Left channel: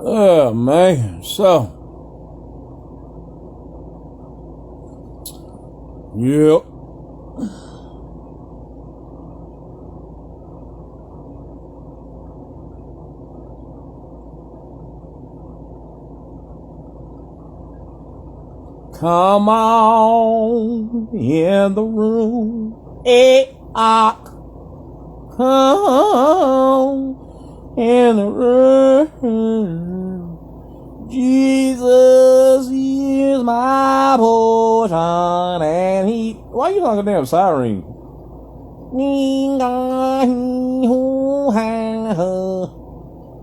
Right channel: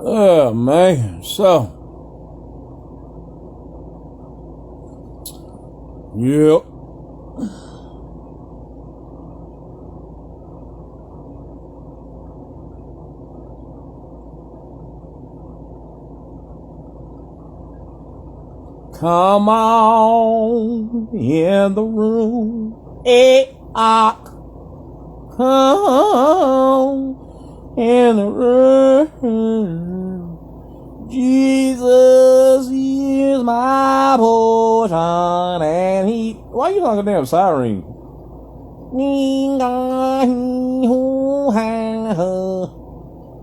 Oh, man. So, yep. Come on in the room. Come in the room. Jesus is my portion, and he. Why you like a damn siren?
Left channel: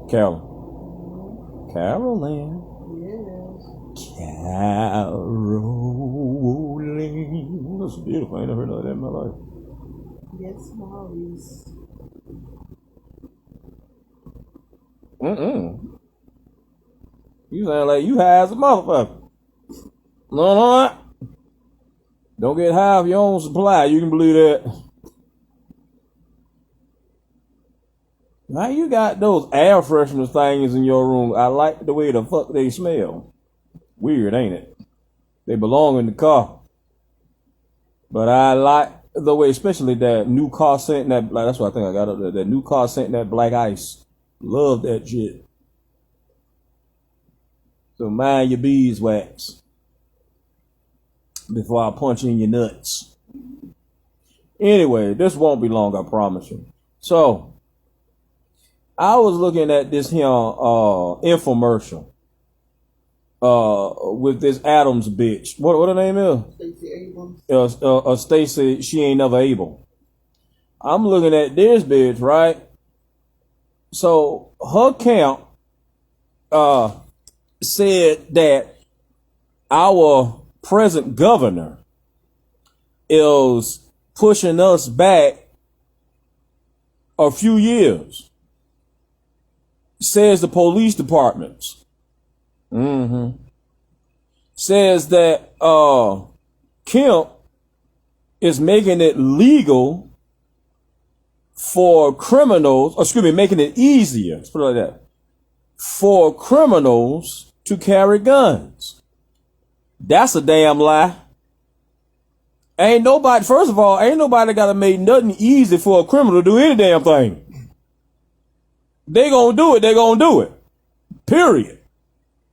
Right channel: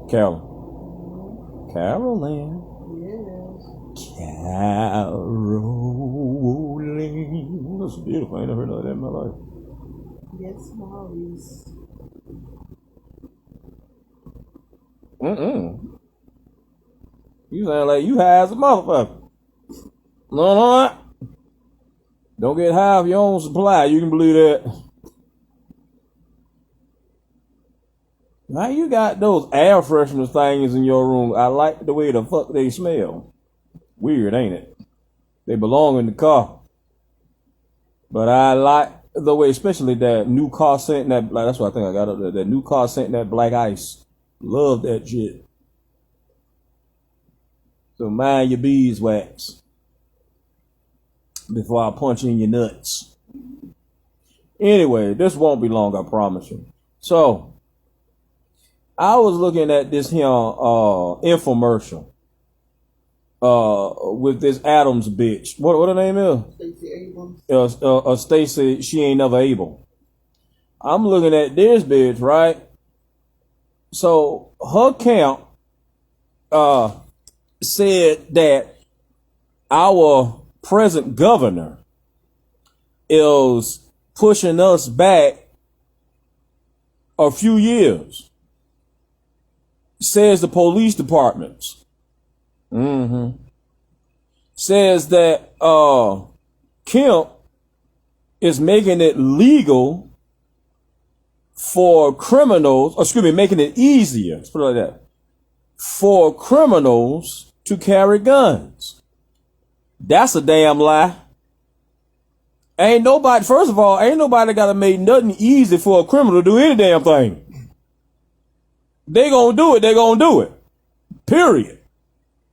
Carolyn. Caroling. That's beautiful. I ain't never heard of that in my life. Yes, Maurice. You sound like you high as a motherfucker. No. Don't get high off your own supply. You can believe that. Now you got those air freshener things in your room. I like the way the fuck they smell. Weird, ain't it? They belong in the car. But I like the way, especially that new car scent, that like, that's what I think I got up there. That new car scent, that black ice. Love that shit. So mind your beeswax before I punch in your nuts. Anyway, this won't be long, I promise you. So, I was looking at this here infomercial with this Adams bitch. What her name is? Stacey Abrams. Stacey, she ain't never able. I'm looking at this bitch, right? So her camp said that our present governor is pushing us back a few years. Says the police departments. Says that Kemp is making it legal for criminals, making it easier, let's put it like that, for criminals to carry guns. That's a damn lie. First of all, ain't nobody gotta make nothing easy for a criminal to do any damn thing. They gonna do it. Period.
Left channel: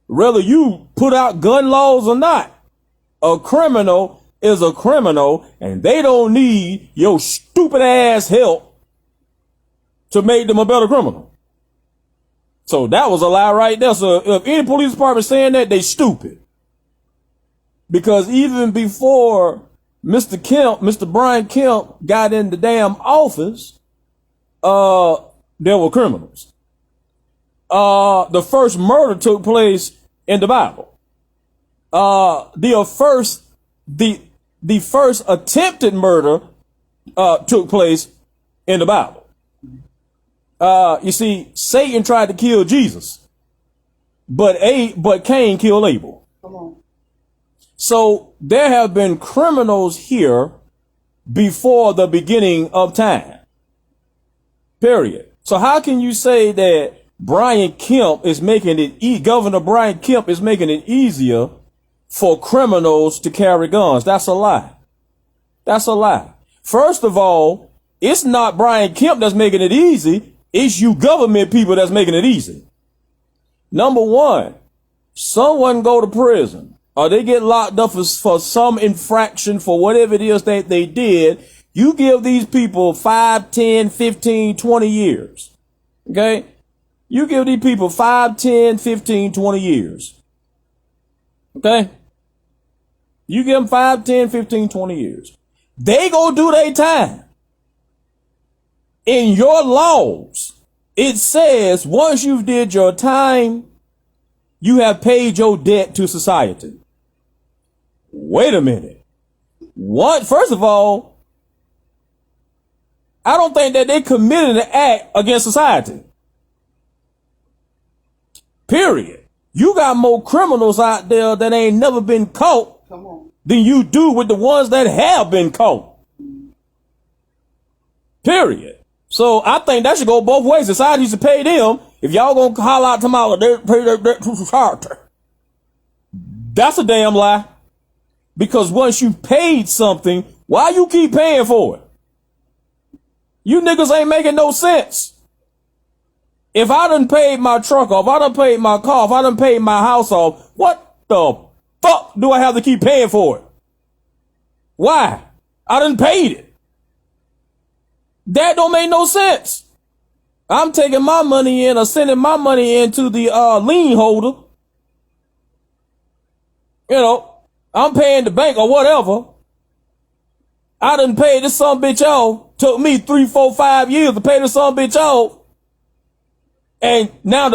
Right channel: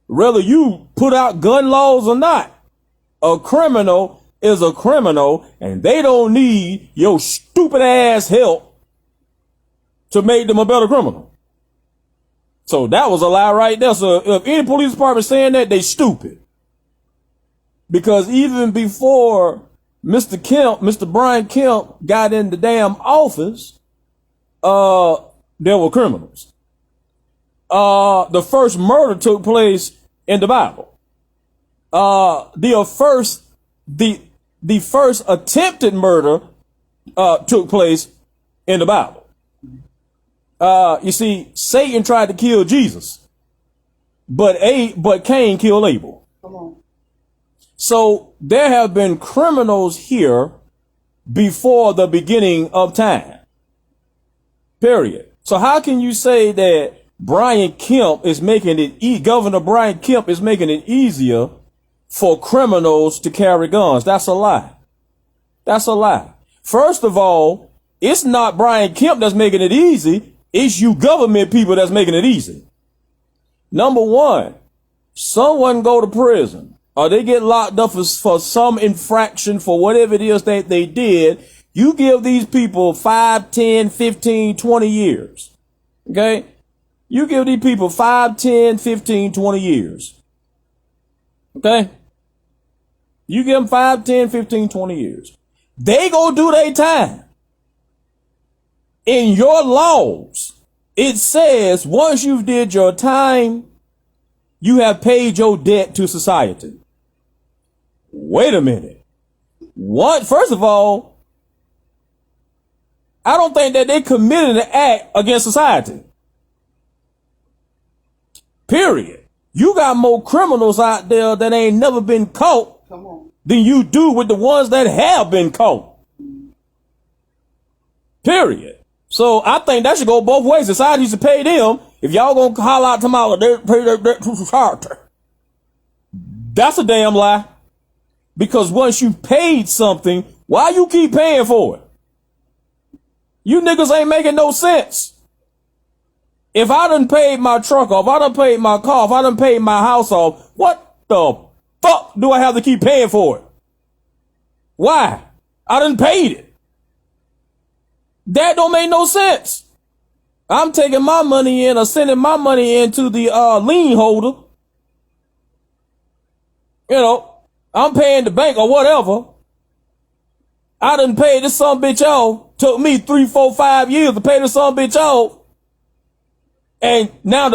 Whether you put out gun laws or not, a criminal is a criminal, and they don't need your stupid ass help to make them a better criminal. So that was a lie right there. So if any police department saying that, they stupid. Because even before Mr. Brian Kemp got in the damn office, there were criminals. The first murder took place in the Bible. The first attempted murder took place in the Bible. You see, Satan tried to kill Jesus, but Cain killed Abel. Come on. So there have been criminals here before the beginning of time. Period. So how can you say that Governor Brian Kemp is making it easier for criminals to carry guns? That's a lie. That's a lie. First of all, it's not Brian Kemp that's making it easy. It's you government people that's making it easy. Number one, someone go to prison or they get locked up for some infraction for whatever it is that they did. You give these people 5, 10, 15, 20 years. Okay? You give these people 5, 10, 15, 20 years. Okay? You give them 5, 10, 15, 20 years. They go do their time. In your laws, it says once you've did your time, you have paid your debt to society. Wait a minute. First of all, I don't think that they committed an act against society. Period. You got more criminals out there that ain't never been caught than you do with the ones that have been caught. Period. So I think that should go both ways. Society should pay them If y'all gonna holler out tomorrow, that's a damn lie. Because once you paid something, why you keep paying for it? You niggas ain't making no sense. If I done paid my truck off, I done paid my car off, I done paid my house off, what the fuck do I have to keep paying for it? Why? I done paid it. That don't make no sense. I'm taking my money in or sending my money into the lien holder. You know, I'm paying the bank or whatever. I done paid this some bitch off. Took me 3, 4, 5 years to pay this some bitch off. And now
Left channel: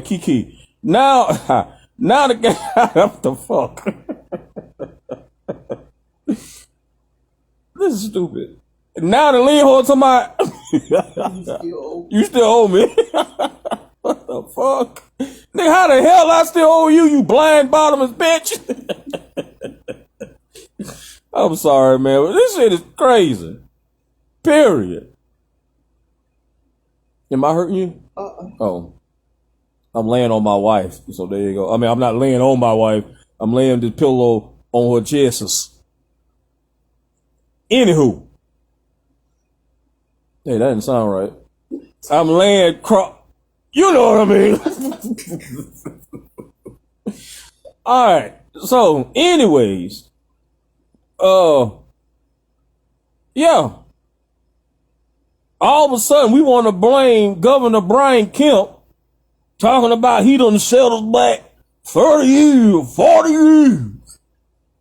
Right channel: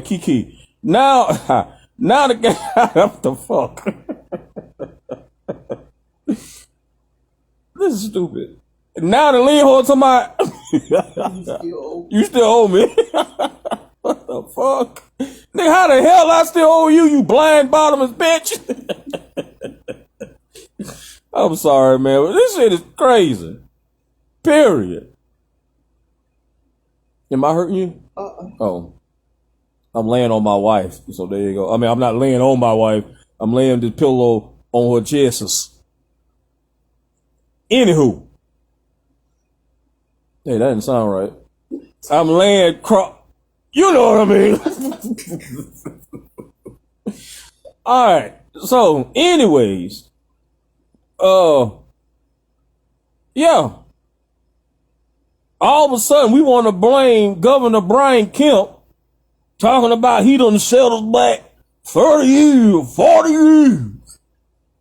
Kiki. Now the guy, what the fuck? This is stupid. Now the lien holder to my, you still owe me. What the fuck? Nigga, how the hell I still owe you, you blind bottomless bitch? I'm sorry, man. This shit is crazy. Period. Am I hurting you? Oh. I'm laying on my wife. So there you go. I mean, I'm not laying on my wife. I'm laying this pillow on her chest. Anywho. Hey, that didn't sound right. I'm laying you know what I mean. Alright. So, anyways. Yeah. All of a sudden, we want to blame Governor Brian Kemp, talking about he done set us back 30 years, 40 years.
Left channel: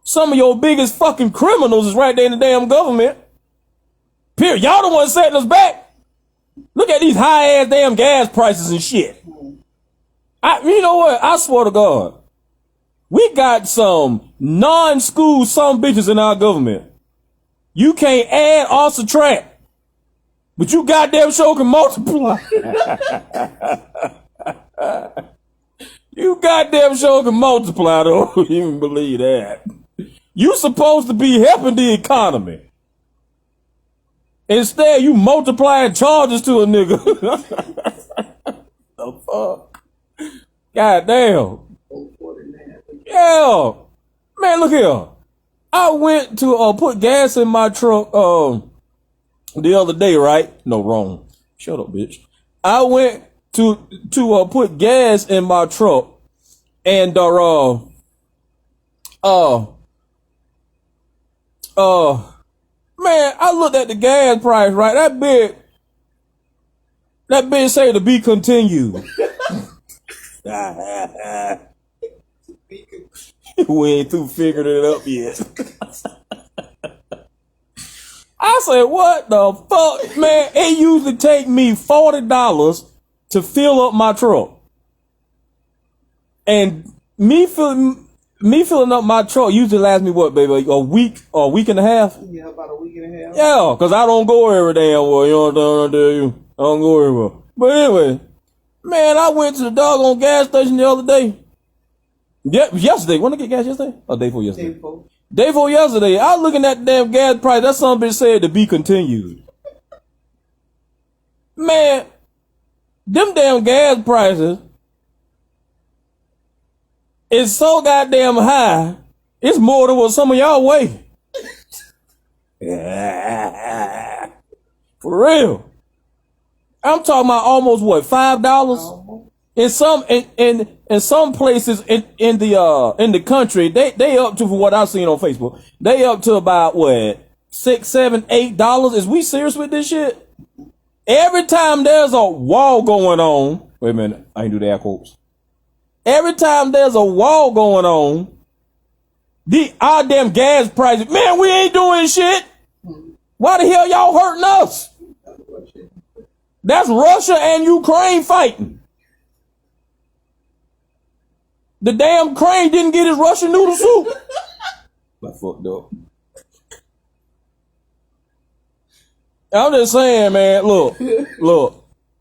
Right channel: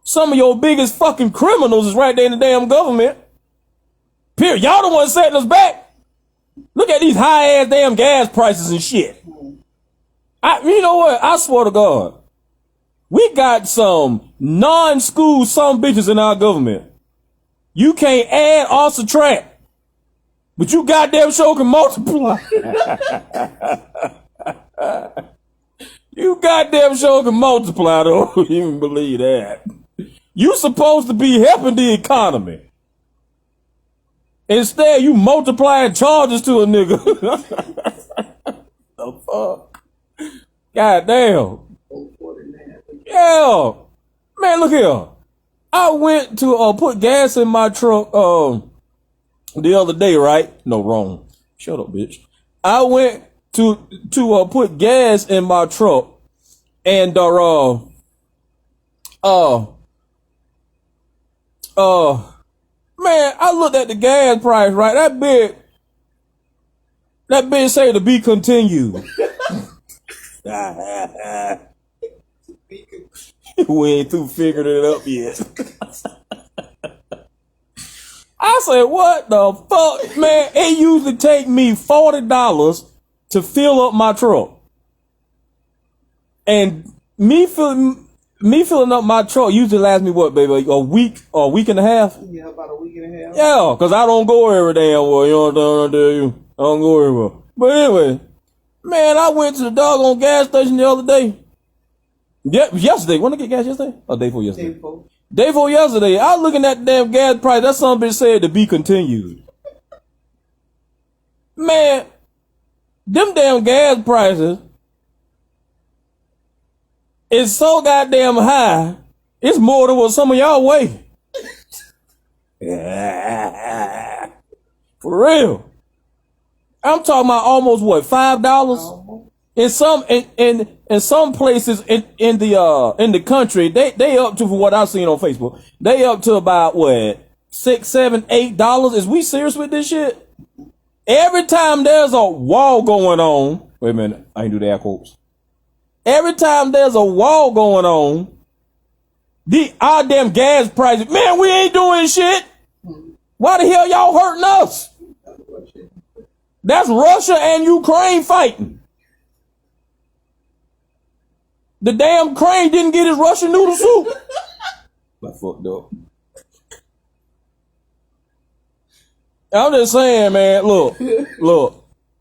Some of your biggest fucking criminals is right there in the damn government. Period. Y'all the ones setting us back. Look at these high ass damn gas prices and shit. You know what? I swear to God. We got some non-school some bitches in our government. You can't add or subtract. But you goddamn sure can multiply. You goddamn sure can multiply, though. You even believe that. You supposed to be helping the economy. Instead, you multiplying charges to a nigga. The fuck? Goddamn. Yeah. Man, look here. I went to put gas in my truck the other day, right? No, wrong. Shut up, bitch. I went to put gas in my truck, and man, I looked at the gas price, right? That bitch say to be continued. We ain't through figuring it up yet. I said, what the fuck, man? It usually take me $40 to fill up my truck. And me filling up my truck usually lasts me what, baby? A week or a week and a half? Yeah, about a week and a half. Yeah, because I don't go every damn well. You know what I'm telling you? I don't go everywhere. But anyway, man, I went to the doggone gas station the other day. Yeah, yesterday. When did I get gas yesterday? Or day before yesterday? Day before yesterday. I was looking at the damn gas price. That son bitch said to be continued. Man, them damn gas prices is so goddamn high. It's more than what some of y'all weigh. For real. I'm talking about almost what, $5? In some places in the country, they up to, for what I've seen on Facebook, they up to about what, $6, $7, $8. Is we serious with this shit? Every time there's a wall going on, wait a minute, I ain't do the air quotes. Every time there's a wall going on, our damn gas prices, man, we ain't doing shit. Why the hell y'all hurting us? That's Russia and Ukraine fighting. The damn Ukraine didn't get his Russian noodle soup. I fucked up. I'm just saying, man, look.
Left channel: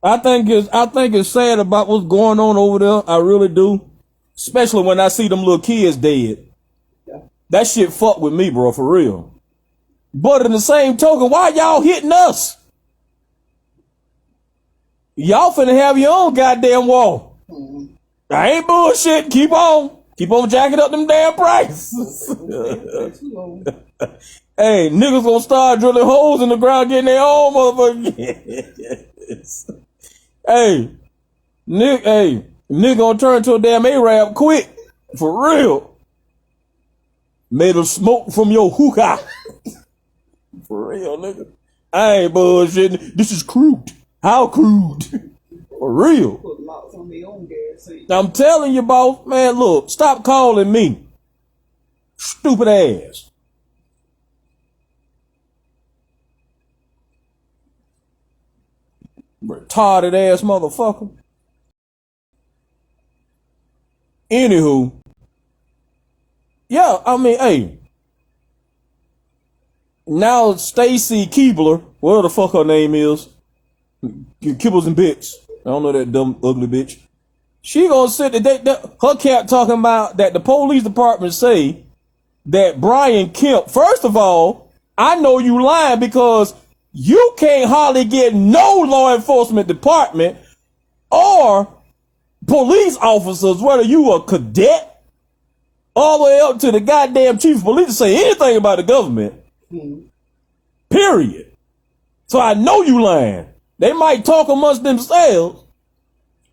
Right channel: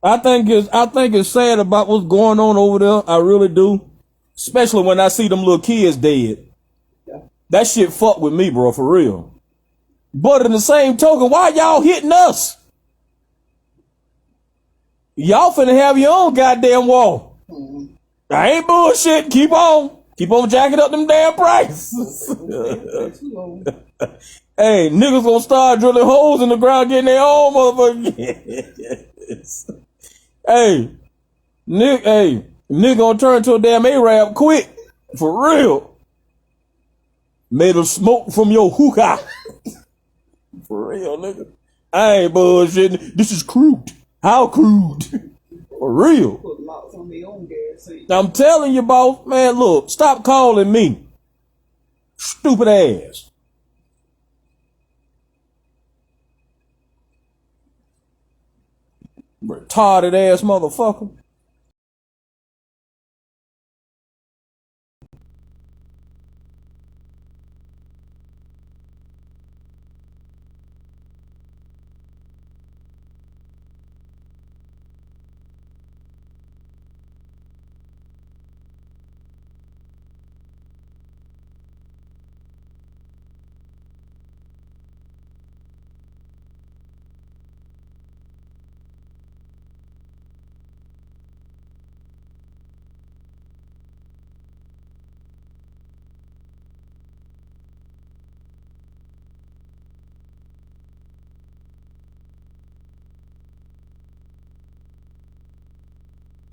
I think it's sad about what's going on over there. I really do. Especially when I see them little kids dead. That shit fuck with me, bro, for real. But in the same token, why y'all hitting us? Y'all finna have your own goddamn war. I ain't bullshit. Keep on jacking up them damn prices. Hey, niggas gonna start drilling holes in the ground, getting their own motherfucker. Hey, nigga gonna turn to a damn Arab quick. For real. Made of smoke from your hookah. For real, nigga. I ain't bullshitting. This is crude. How crude? For real. Put locks on their own gas. I'm telling you, boss, man, look, stop calling me. Stupid ass. Retarded ass motherfucker. Anywho. Yeah, I mean, hey. Now Stacy Keebler, whatever the fuck her name is. Kibbles and Bits. I don't know that dumb, ugly bitch. She gonna sit there, her cat talking about that the police department say that Brian Kemp, first of all, I know you lying because you can't hardly get no law enforcement department or police officers, whether you a cadet all the way up to the goddamn chief of police, to say anything about the government. Period. So I know you lying. They might talk amongst themselves.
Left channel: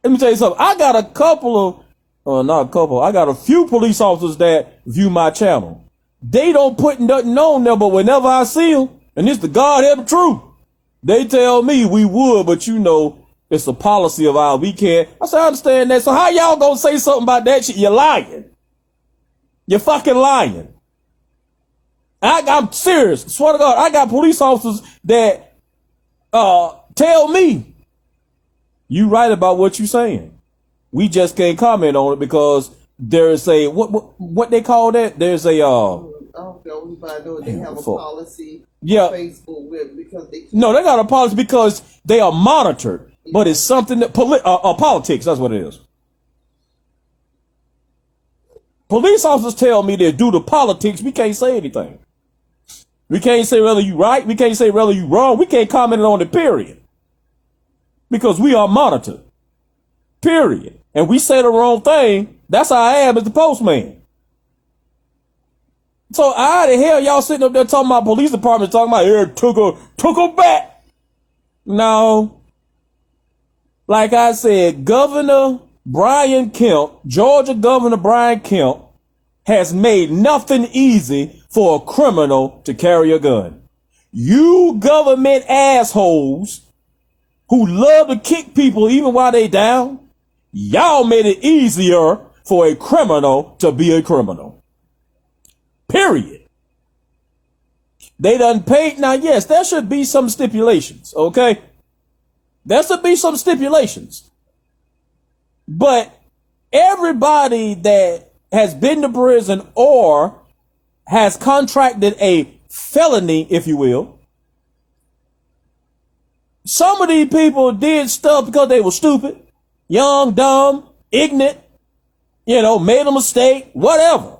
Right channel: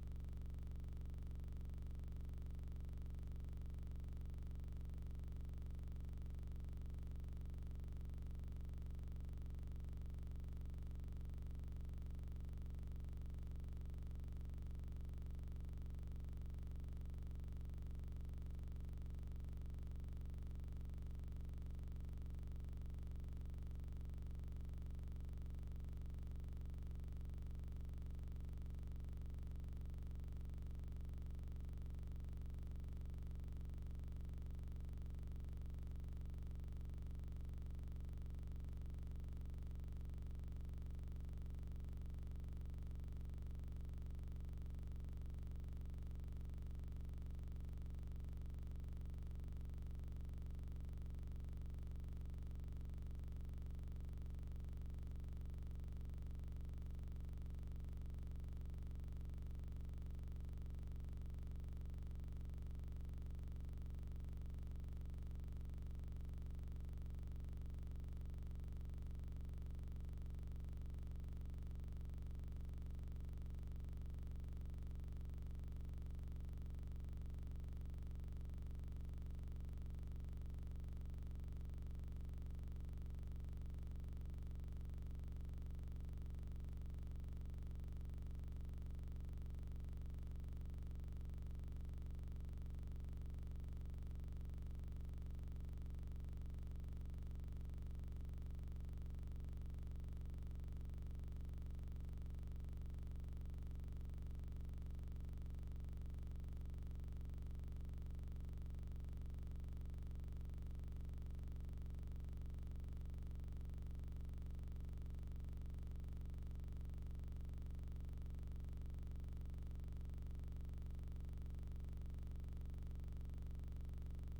Let me tell you something. I got a couple of, not a couple, I got a few police officers that view my channel. They don't put nothing on there, but whenever I see them, and it's the God-headed truth, they tell me we would, but you know, it's a policy of ours. We can't. I say, I understand that. So how y'all gonna say something about that shit? You're lying. You're fucking lying. I'm serious. Swear to God, I got police officers that tell me, you right about what you saying. We just can't comment on it because there's a what they call that? There's a I don't know if they have a policy on Facebook with because they can't. No, they got a policy because they are monitored, but it's something that politics, that's what it is. Police officers tell me that due to politics, we can't say anything. We can't say whether you right, we can't say whether you wrong, we can't comment on it, period. Because we are monitored. Period. And we say the wrong thing, that's how I am as the postman. So how the hell y'all sitting up there talking about police department, talking about here took her back? No. Like I said, Governor Brian Kemp, Georgia Governor Brian Kemp, has made nothing easy for a criminal to carry a gun. You government assholes who love to kick people even while they down, y'all made it easier for a criminal to be a criminal. Period. They done paid. Now, yes, there should be some stipulations, okay? There should be some stipulations. But everybody that has been to prison or has contracted a felony, if you will, some of these people did stuff because they were stupid, young, dumb, ignorant, made a mistake, whatever.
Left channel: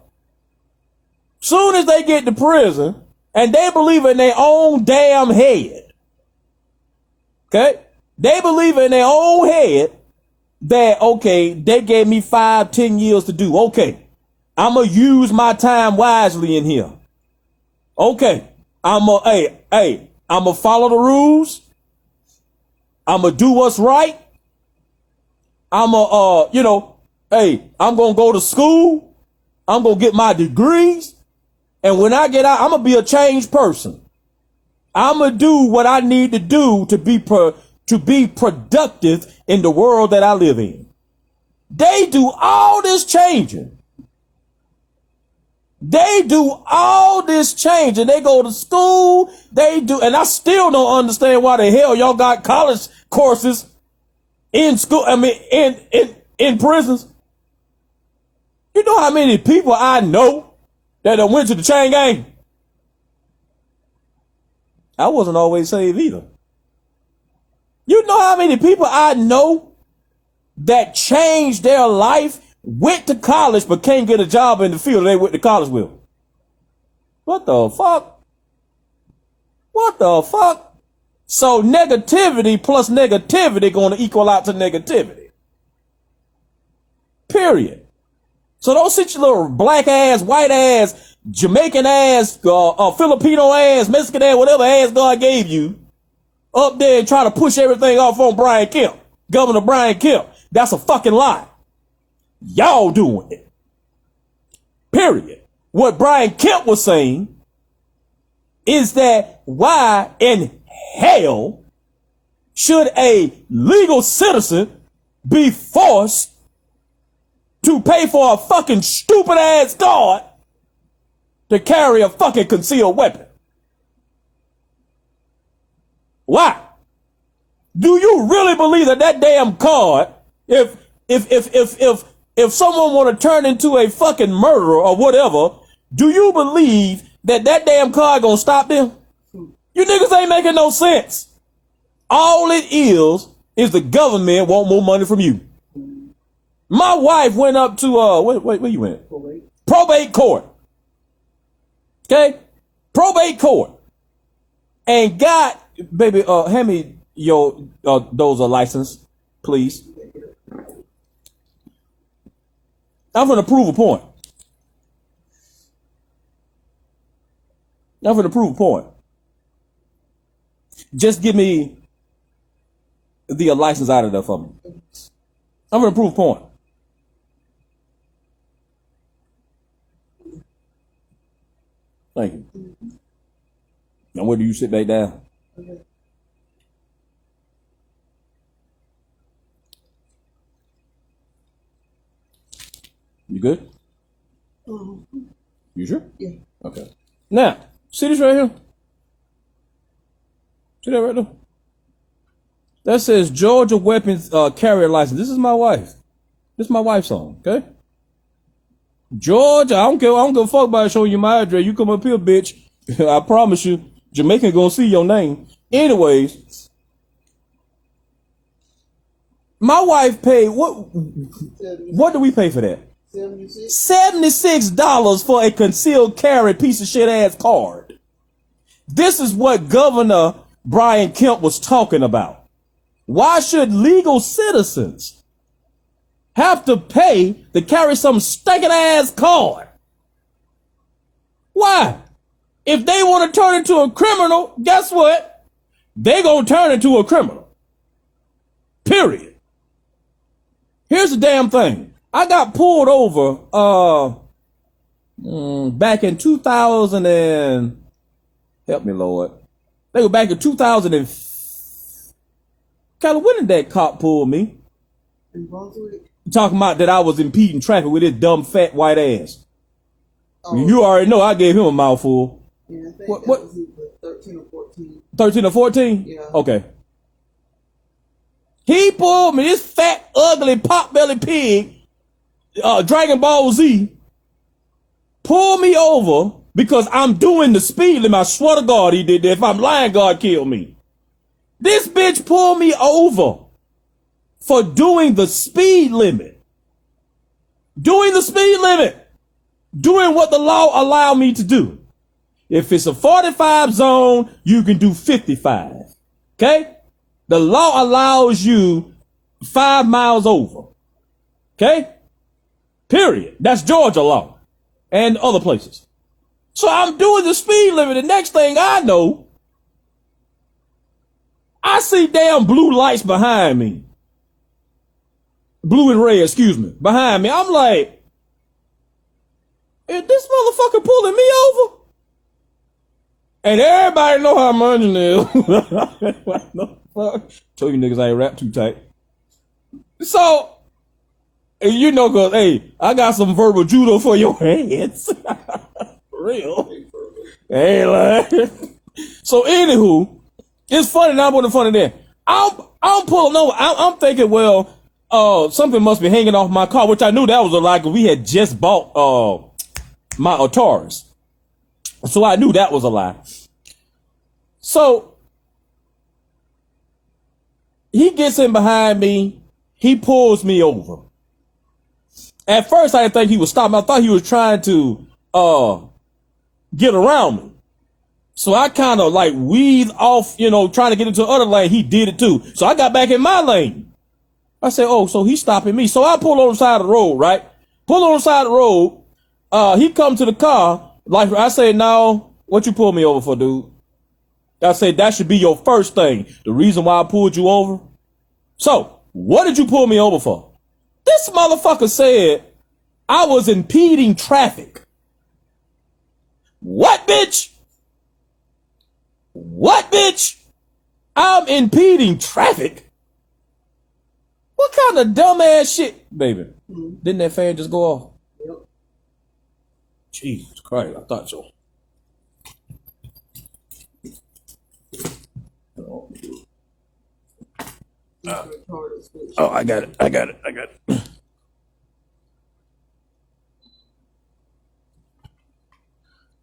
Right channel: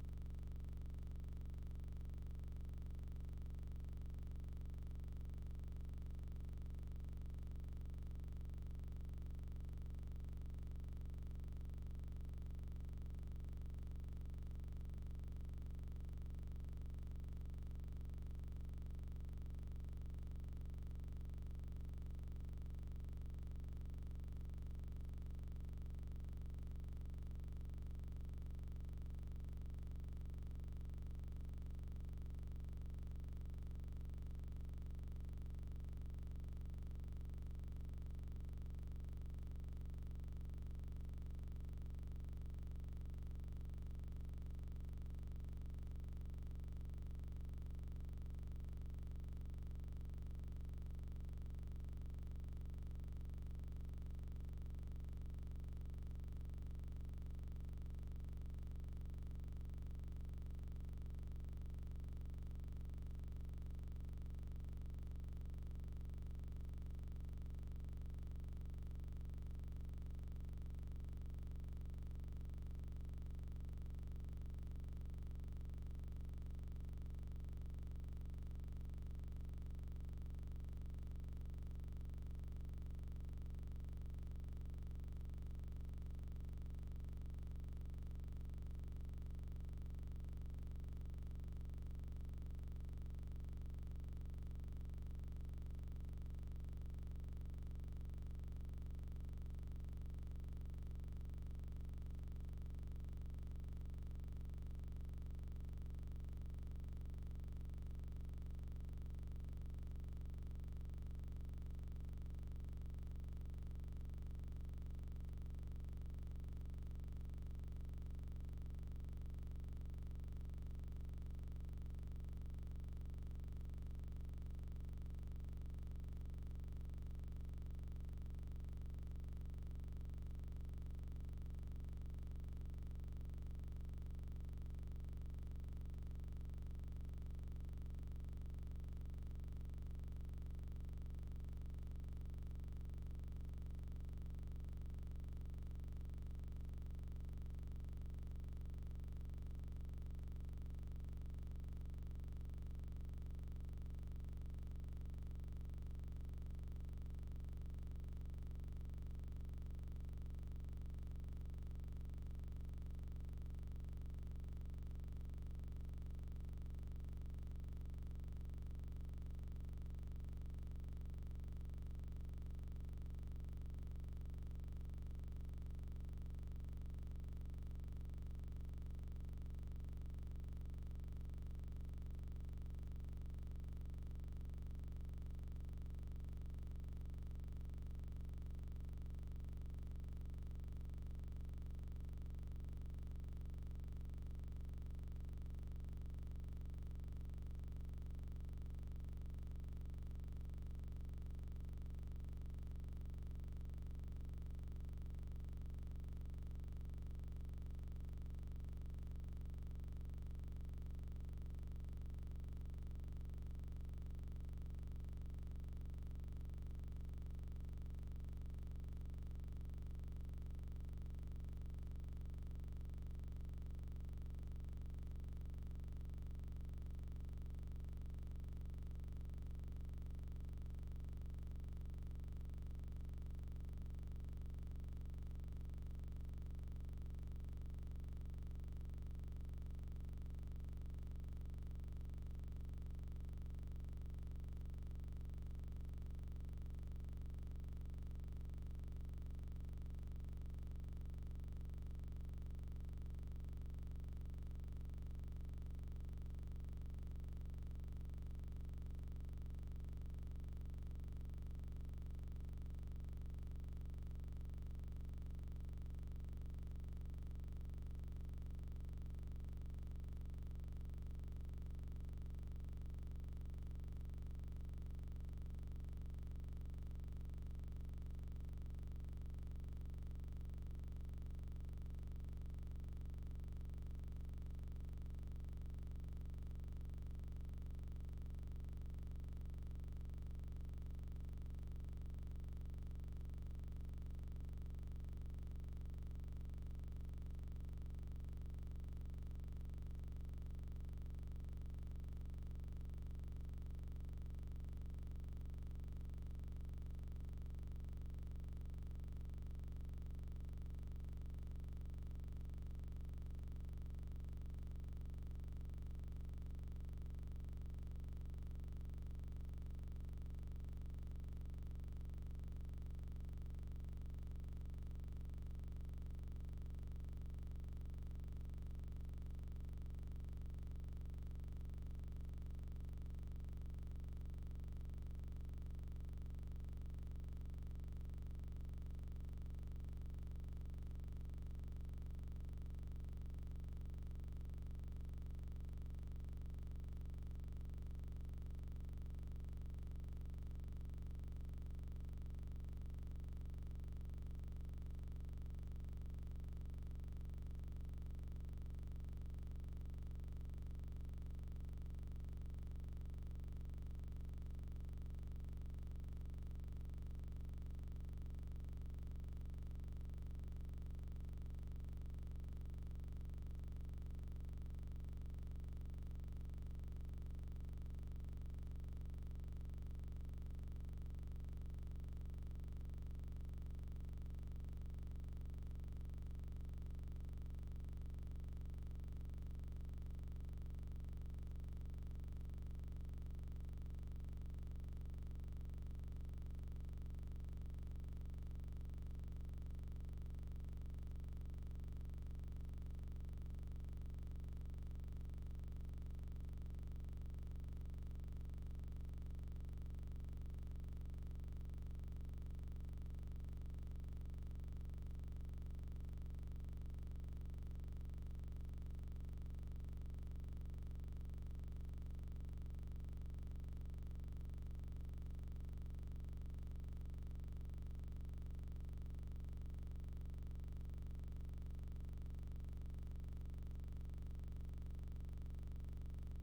Soon as they get to prison and they believe in their own damn head, okay? They believe in their own head that, okay, they gave me 5-10 years to do. Okay, I'm going to use my time wisely in here. Okay, I'm going to follow the rules. I'm going to do what's right. I'm going to, I'm going to go to school. I'm going to get my degrees. And when I get out, I'm going to be a changed person. I'm going to do what I need to do to be productive in the world that I live in. They do all this changing. They do all this changing. They go to school. They do. And I still don't understand why the hell y'all got college courses in school. I mean, in prisons. You know how many people I know that went to the chain gang? I wasn't always saved either. You know how many people I know that changed their life, went to college, but can't get a job in the field they went to college with? What the fuck? What the fuck? So negativity plus negativity going to equal out to negativity. Period. So don't sit your little black ass, white ass, Jamaican ass, Filipino ass, Mexican ass, whatever ass God gave you, up there and try to push everything off on Brian Kemp, Governor Brian Kemp. That's a fucking lie. Y'all doing it. Period. What Brian Kemp was saying is that why in hell should a legal citizen be forced to pay for a fucking stupid ass guard to carry a fucking concealed weapon? Why? Do you really believe that damn card, if someone want to turn into a fucking murderer or whatever, do you believe that damn card gonna stop them? You niggas ain't making no sense. All it is the government want more money from you. My wife went up to where you went? Probate court. Okay? Probate court. And got, baby, hand me your those license, please. I'm gonna prove a point. Just give me the license out of there for me. I'm gonna prove a point. Thank you. Now where do you sit back down? You good? You sure? Yeah. Okay. Now, see this right here? See that right there? That says Georgia weapons carrier license. This is my wife. This is my wife's on, okay? Georgia, I don't give a fuck about showing you my address. You come up here, bitch. I promise you, Jamaican gonna see your name. Anyways, my wife paid what do we pay for that? $76 for a concealed carry piece of shit ass card. This is what Governor Brian Kemp was talking about. Why should legal citizens have to pay to carry some stinking ass card? Why? If they want to turn into a criminal, guess what? They gonna turn into a criminal. Period. Here's the damn thing. I got pulled over back in 2000 and help me, Lord. They were back in 2000 and when did that cop pull me? Talking about that I was impeding traffic with his dumb fat white ass. Oh, you already know I gave him a mouthful. Yeah, I think what was 13 or 14. 13 or 14? Yeah. Okay. He pulled me, this fat, ugly, pot-bellied pig, Dragon Ball Z, pulled me over because I'm doing the speed limit. I swear to God he did that. If I'm lying, God kill me. This bitch pulled me over for doing the speed limit. Doing the speed limit. Doing what the law allowed me to do. If it's a 45 zone, you can do 55. Okay? The law allows you 5 miles over. Okay? Period. That's Georgia law. And other places. So I'm doing the speed limit. The next thing I know, I see damn blue lights behind me. Blue and red, excuse me. Behind me. I'm like, is this motherfucker pulling me over? And everybody know how much it is. What the fuck? Told you niggas I ain't rap too tight. So, you know, cause hey, I got some verbal judo for your hands. For real. Hey, like. So anywho, it's funny now, but funny there. I'm pulling over. I'm thinking, well, something must be hanging off my car, which I knew that was a lie because we had just bought my Taurus. So I knew that was a lie. So he gets in behind me. He pulls me over. At first, I didn't think he was stopping. I thought he was trying to get around me. So I kind of like weaved off, trying to get into the other lane. He did it too. So I got back in my lane. I said, oh, so he's stopping me. So I pull on the side of the road, right? Pull on the side of the road. He come to the car. Like I said, no, what you pull me over for, dude? I said, that should be your first thing. The reason why I pulled you over. So what did you pull me over for? This motherfucker said I was impeding traffic. What, bitch? What, bitch? I'm impeding traffic? What kind of dumbass shit, baby? Didn't that fan just go off? Yep. Jesus Christ, I thought so. I got it. I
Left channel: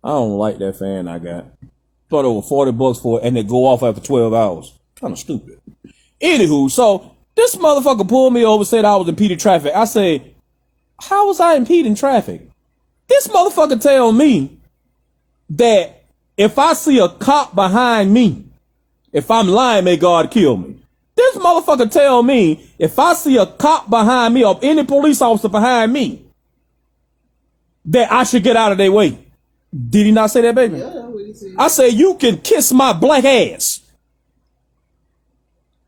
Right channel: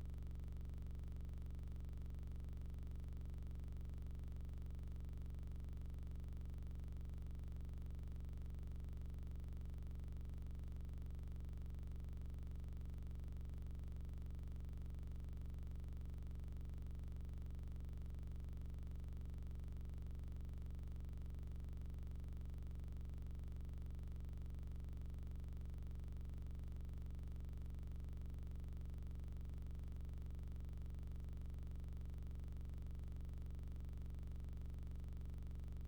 don't like that fan I got. Thought over $40 for it and it go off after 12 hours. Kind of stupid. Anywho, so this motherfucker pulled me over, said I was impeding traffic. I say, how was I impeding traffic? This motherfucker tell me that if I see a cop behind me, if I'm lying, may God kill me. This motherfucker tell me if I see a cop behind me or any police officer behind me, that I should get out of their way. Did he not say that, baby? Yeah, I say, you can kiss my black ass.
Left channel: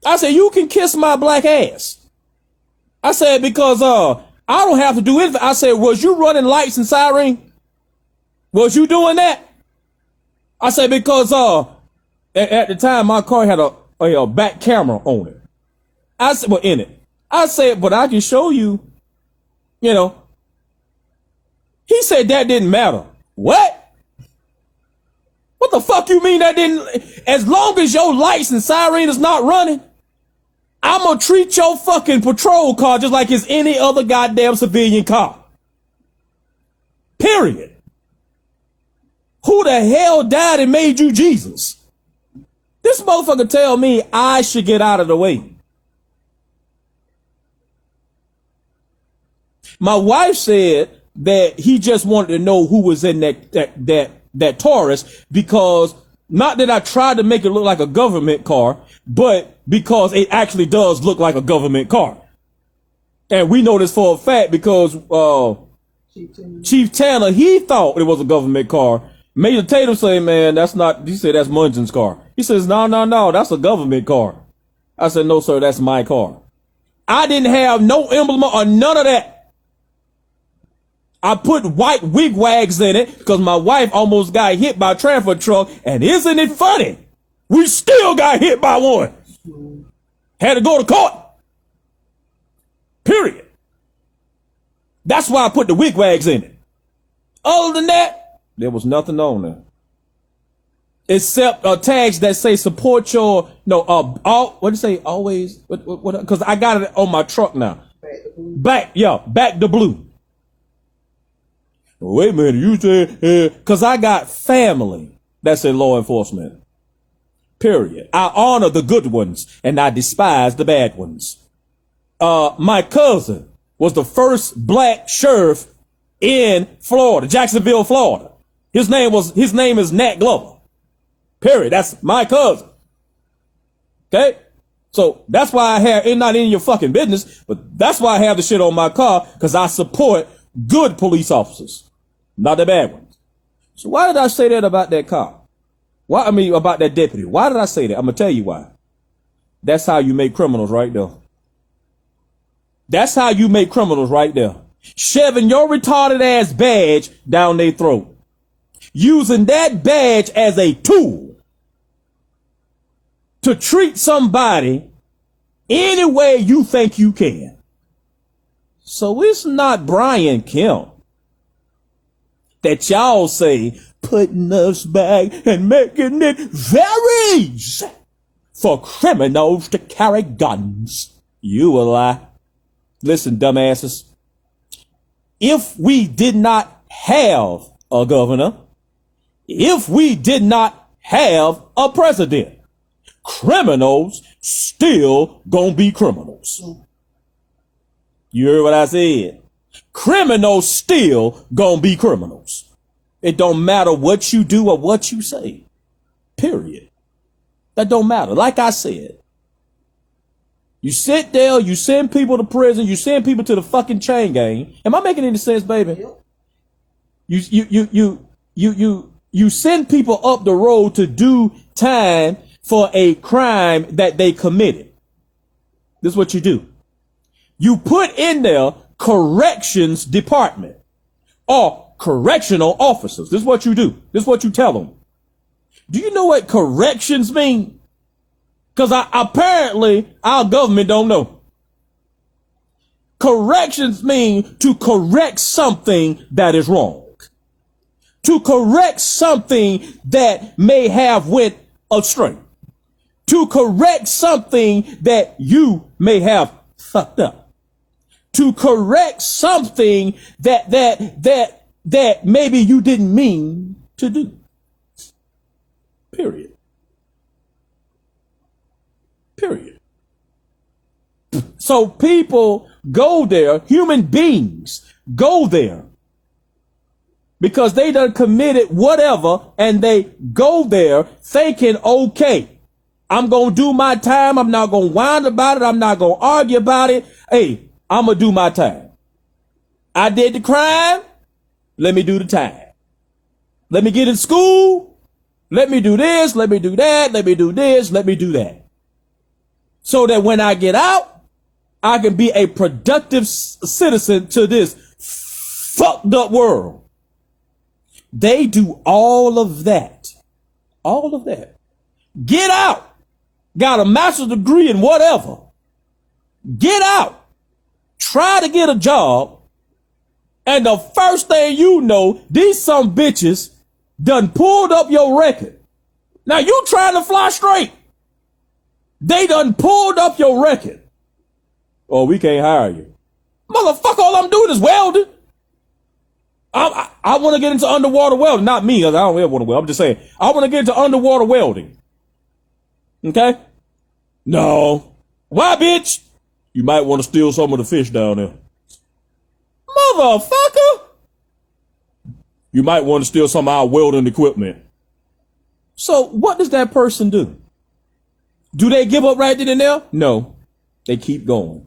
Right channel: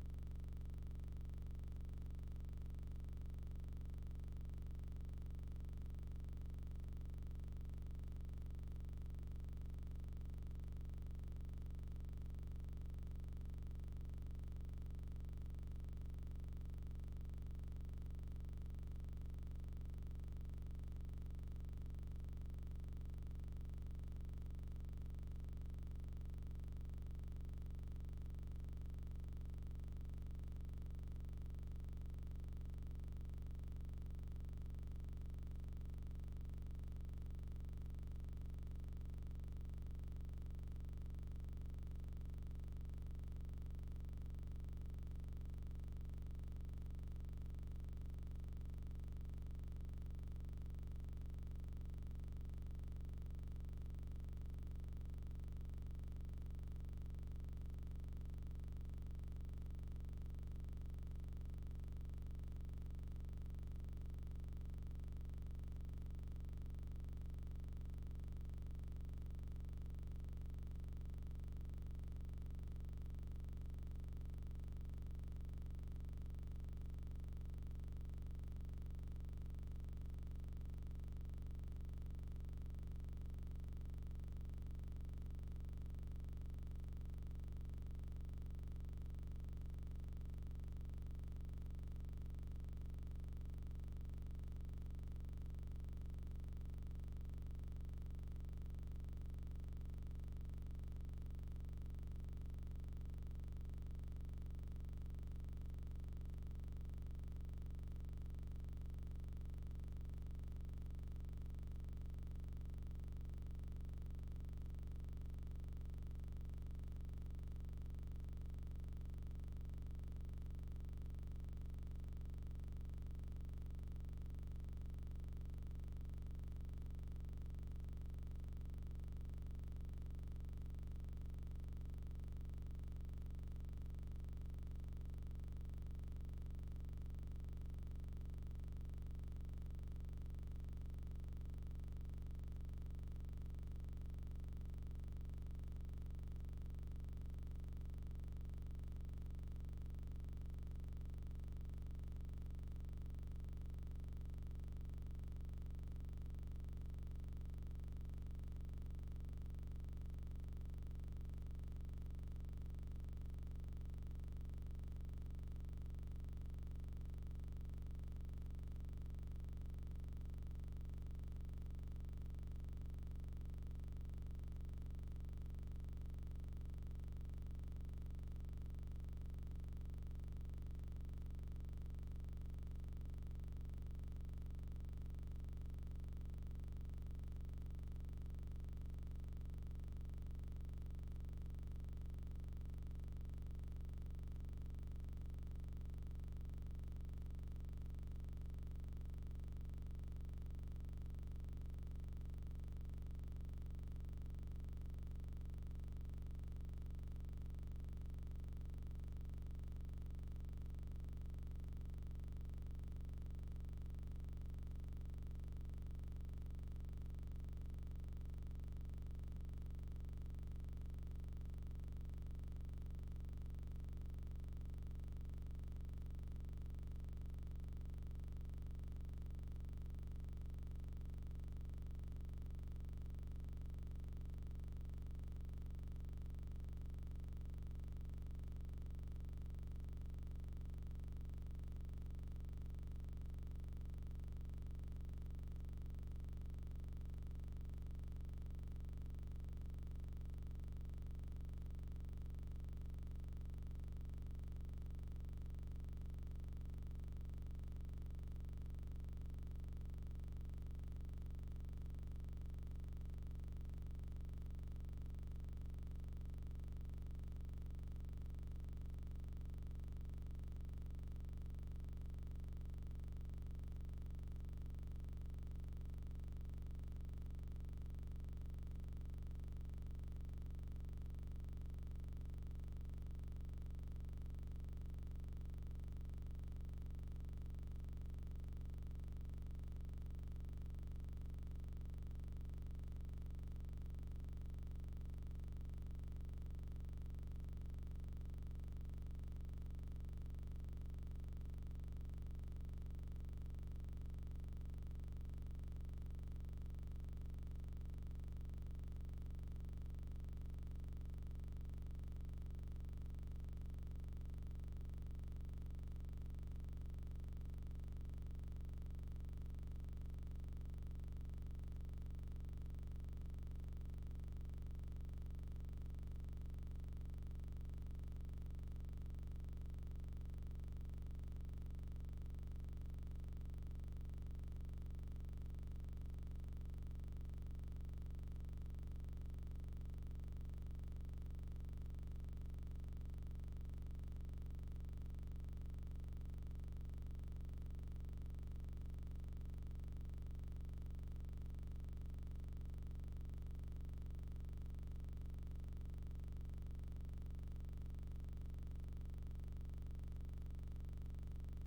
I said, you can kiss my black ass. I said, because I don't have to do anything. I said, was you running lights and siren? Was you doing that? I said, because at the time my car had a back camera on it. I said, well, in it. I said, but I can show you, He said that didn't matter. What? What the fuck you mean that didn't? As long as your lights and siren is not running, I'm gonna treat your fucking patrol car just like it's any other goddamn civilian car. Period. Who the hell died and made you Jesus? This motherfucker tell me I should get out of the way. My wife said that he just wanted to know who was in that Taurus, because not that I tried to make it look like a government car, but because it actually does look like a government car. And we know this for a fact because Chief Tanner, he thought it was a government car. Major Tatum say, man, that's not, he said that's Mungin's car. He says, no, that's a government car. I said, no, sir, that's my car. I didn't have no emblem or none of that. I put white wigwags in it because my wife almost got hit by a transfer truck. And isn't it funny? We still got hit by one. Had to go to court. Period. That's why I put the wigwags in it. Other than that, there was nothing on there. Except tags that say support your, what do you say, always, because I got it on my truck now. Back the blue. Wait a minute, you said, because I got family that's in law enforcement. Period. I honor the good ones and I despise the bad ones. My cousin was the first black sheriff in Florida, Jacksonville, Florida. His name is Nat Glover. Period. That's my cousin. Okay? So that's why I have, it's not in your fucking business, but that's why I have the shit on my car, because I support good police officers, not the bad ones. So why did I say that about that cop? About that deputy. Why did I say that? I'm going to tell you why. That's how you make criminals right there. That's how you make criminals right there. Shoving your retarded ass badge down their throat. Using that badge as a tool to treat somebody any way you think you can. So it's not Brian Kemp that y'all say putting us back and making it very easy for criminals to carry guns. You will lie. Listen, dumbasses. If we did not have a governor, if we did not have a president, criminals still gonna be criminals. You heard what I said? Criminals still gonna be criminals. It don't matter what you do or what you say. Period. That don't matter. Like I said, you sit there, you send people to prison, you send people to the fucking chain gang. Am I making any sense, baby? You send people up the road to do time for a crime that they committed. This is what you do. You put in there corrections department or correctional officers. This is what you do. This is what you tell them. Do you know what corrections mean? Because apparently our government don't know. Corrections mean to correct something that is wrong. To correct something that may have went astray. To correct something that you may have fucked up. To correct something that maybe you didn't mean to do. Period. Period. So people go there, human beings go there because they done committed whatever, and they go there thinking, okay, I'm going to do my time. I'm not going to whine about it. I'm not going to argue about it. Hey, I'm going to do my time. I did the crime. Let me do the time. Let me get in school. Let me do this. Let me do that. Let me do this. Let me do that. So that when I get out, I can be a productive citizen to this fucked up world. They do all of that. All of that. Get out. Got a master's degree in whatever. Get out. Try to get a job. And the first thing you know, these some bitches done pulled up your record. Now you trying to fly straight. They done pulled up your record. Oh, we can't hire you. Motherfucker, all I'm doing is welding. I want to get into underwater welding. Not me, because I don't ever want to weld. I'm just saying, I want to get into underwater welding. Okay? No. Why, bitch? You might want to steal some of the fish down there. Motherfucker! You might want to steal some of our welding equipment. So what does that person do? Do they give up right then and there? No. They keep going.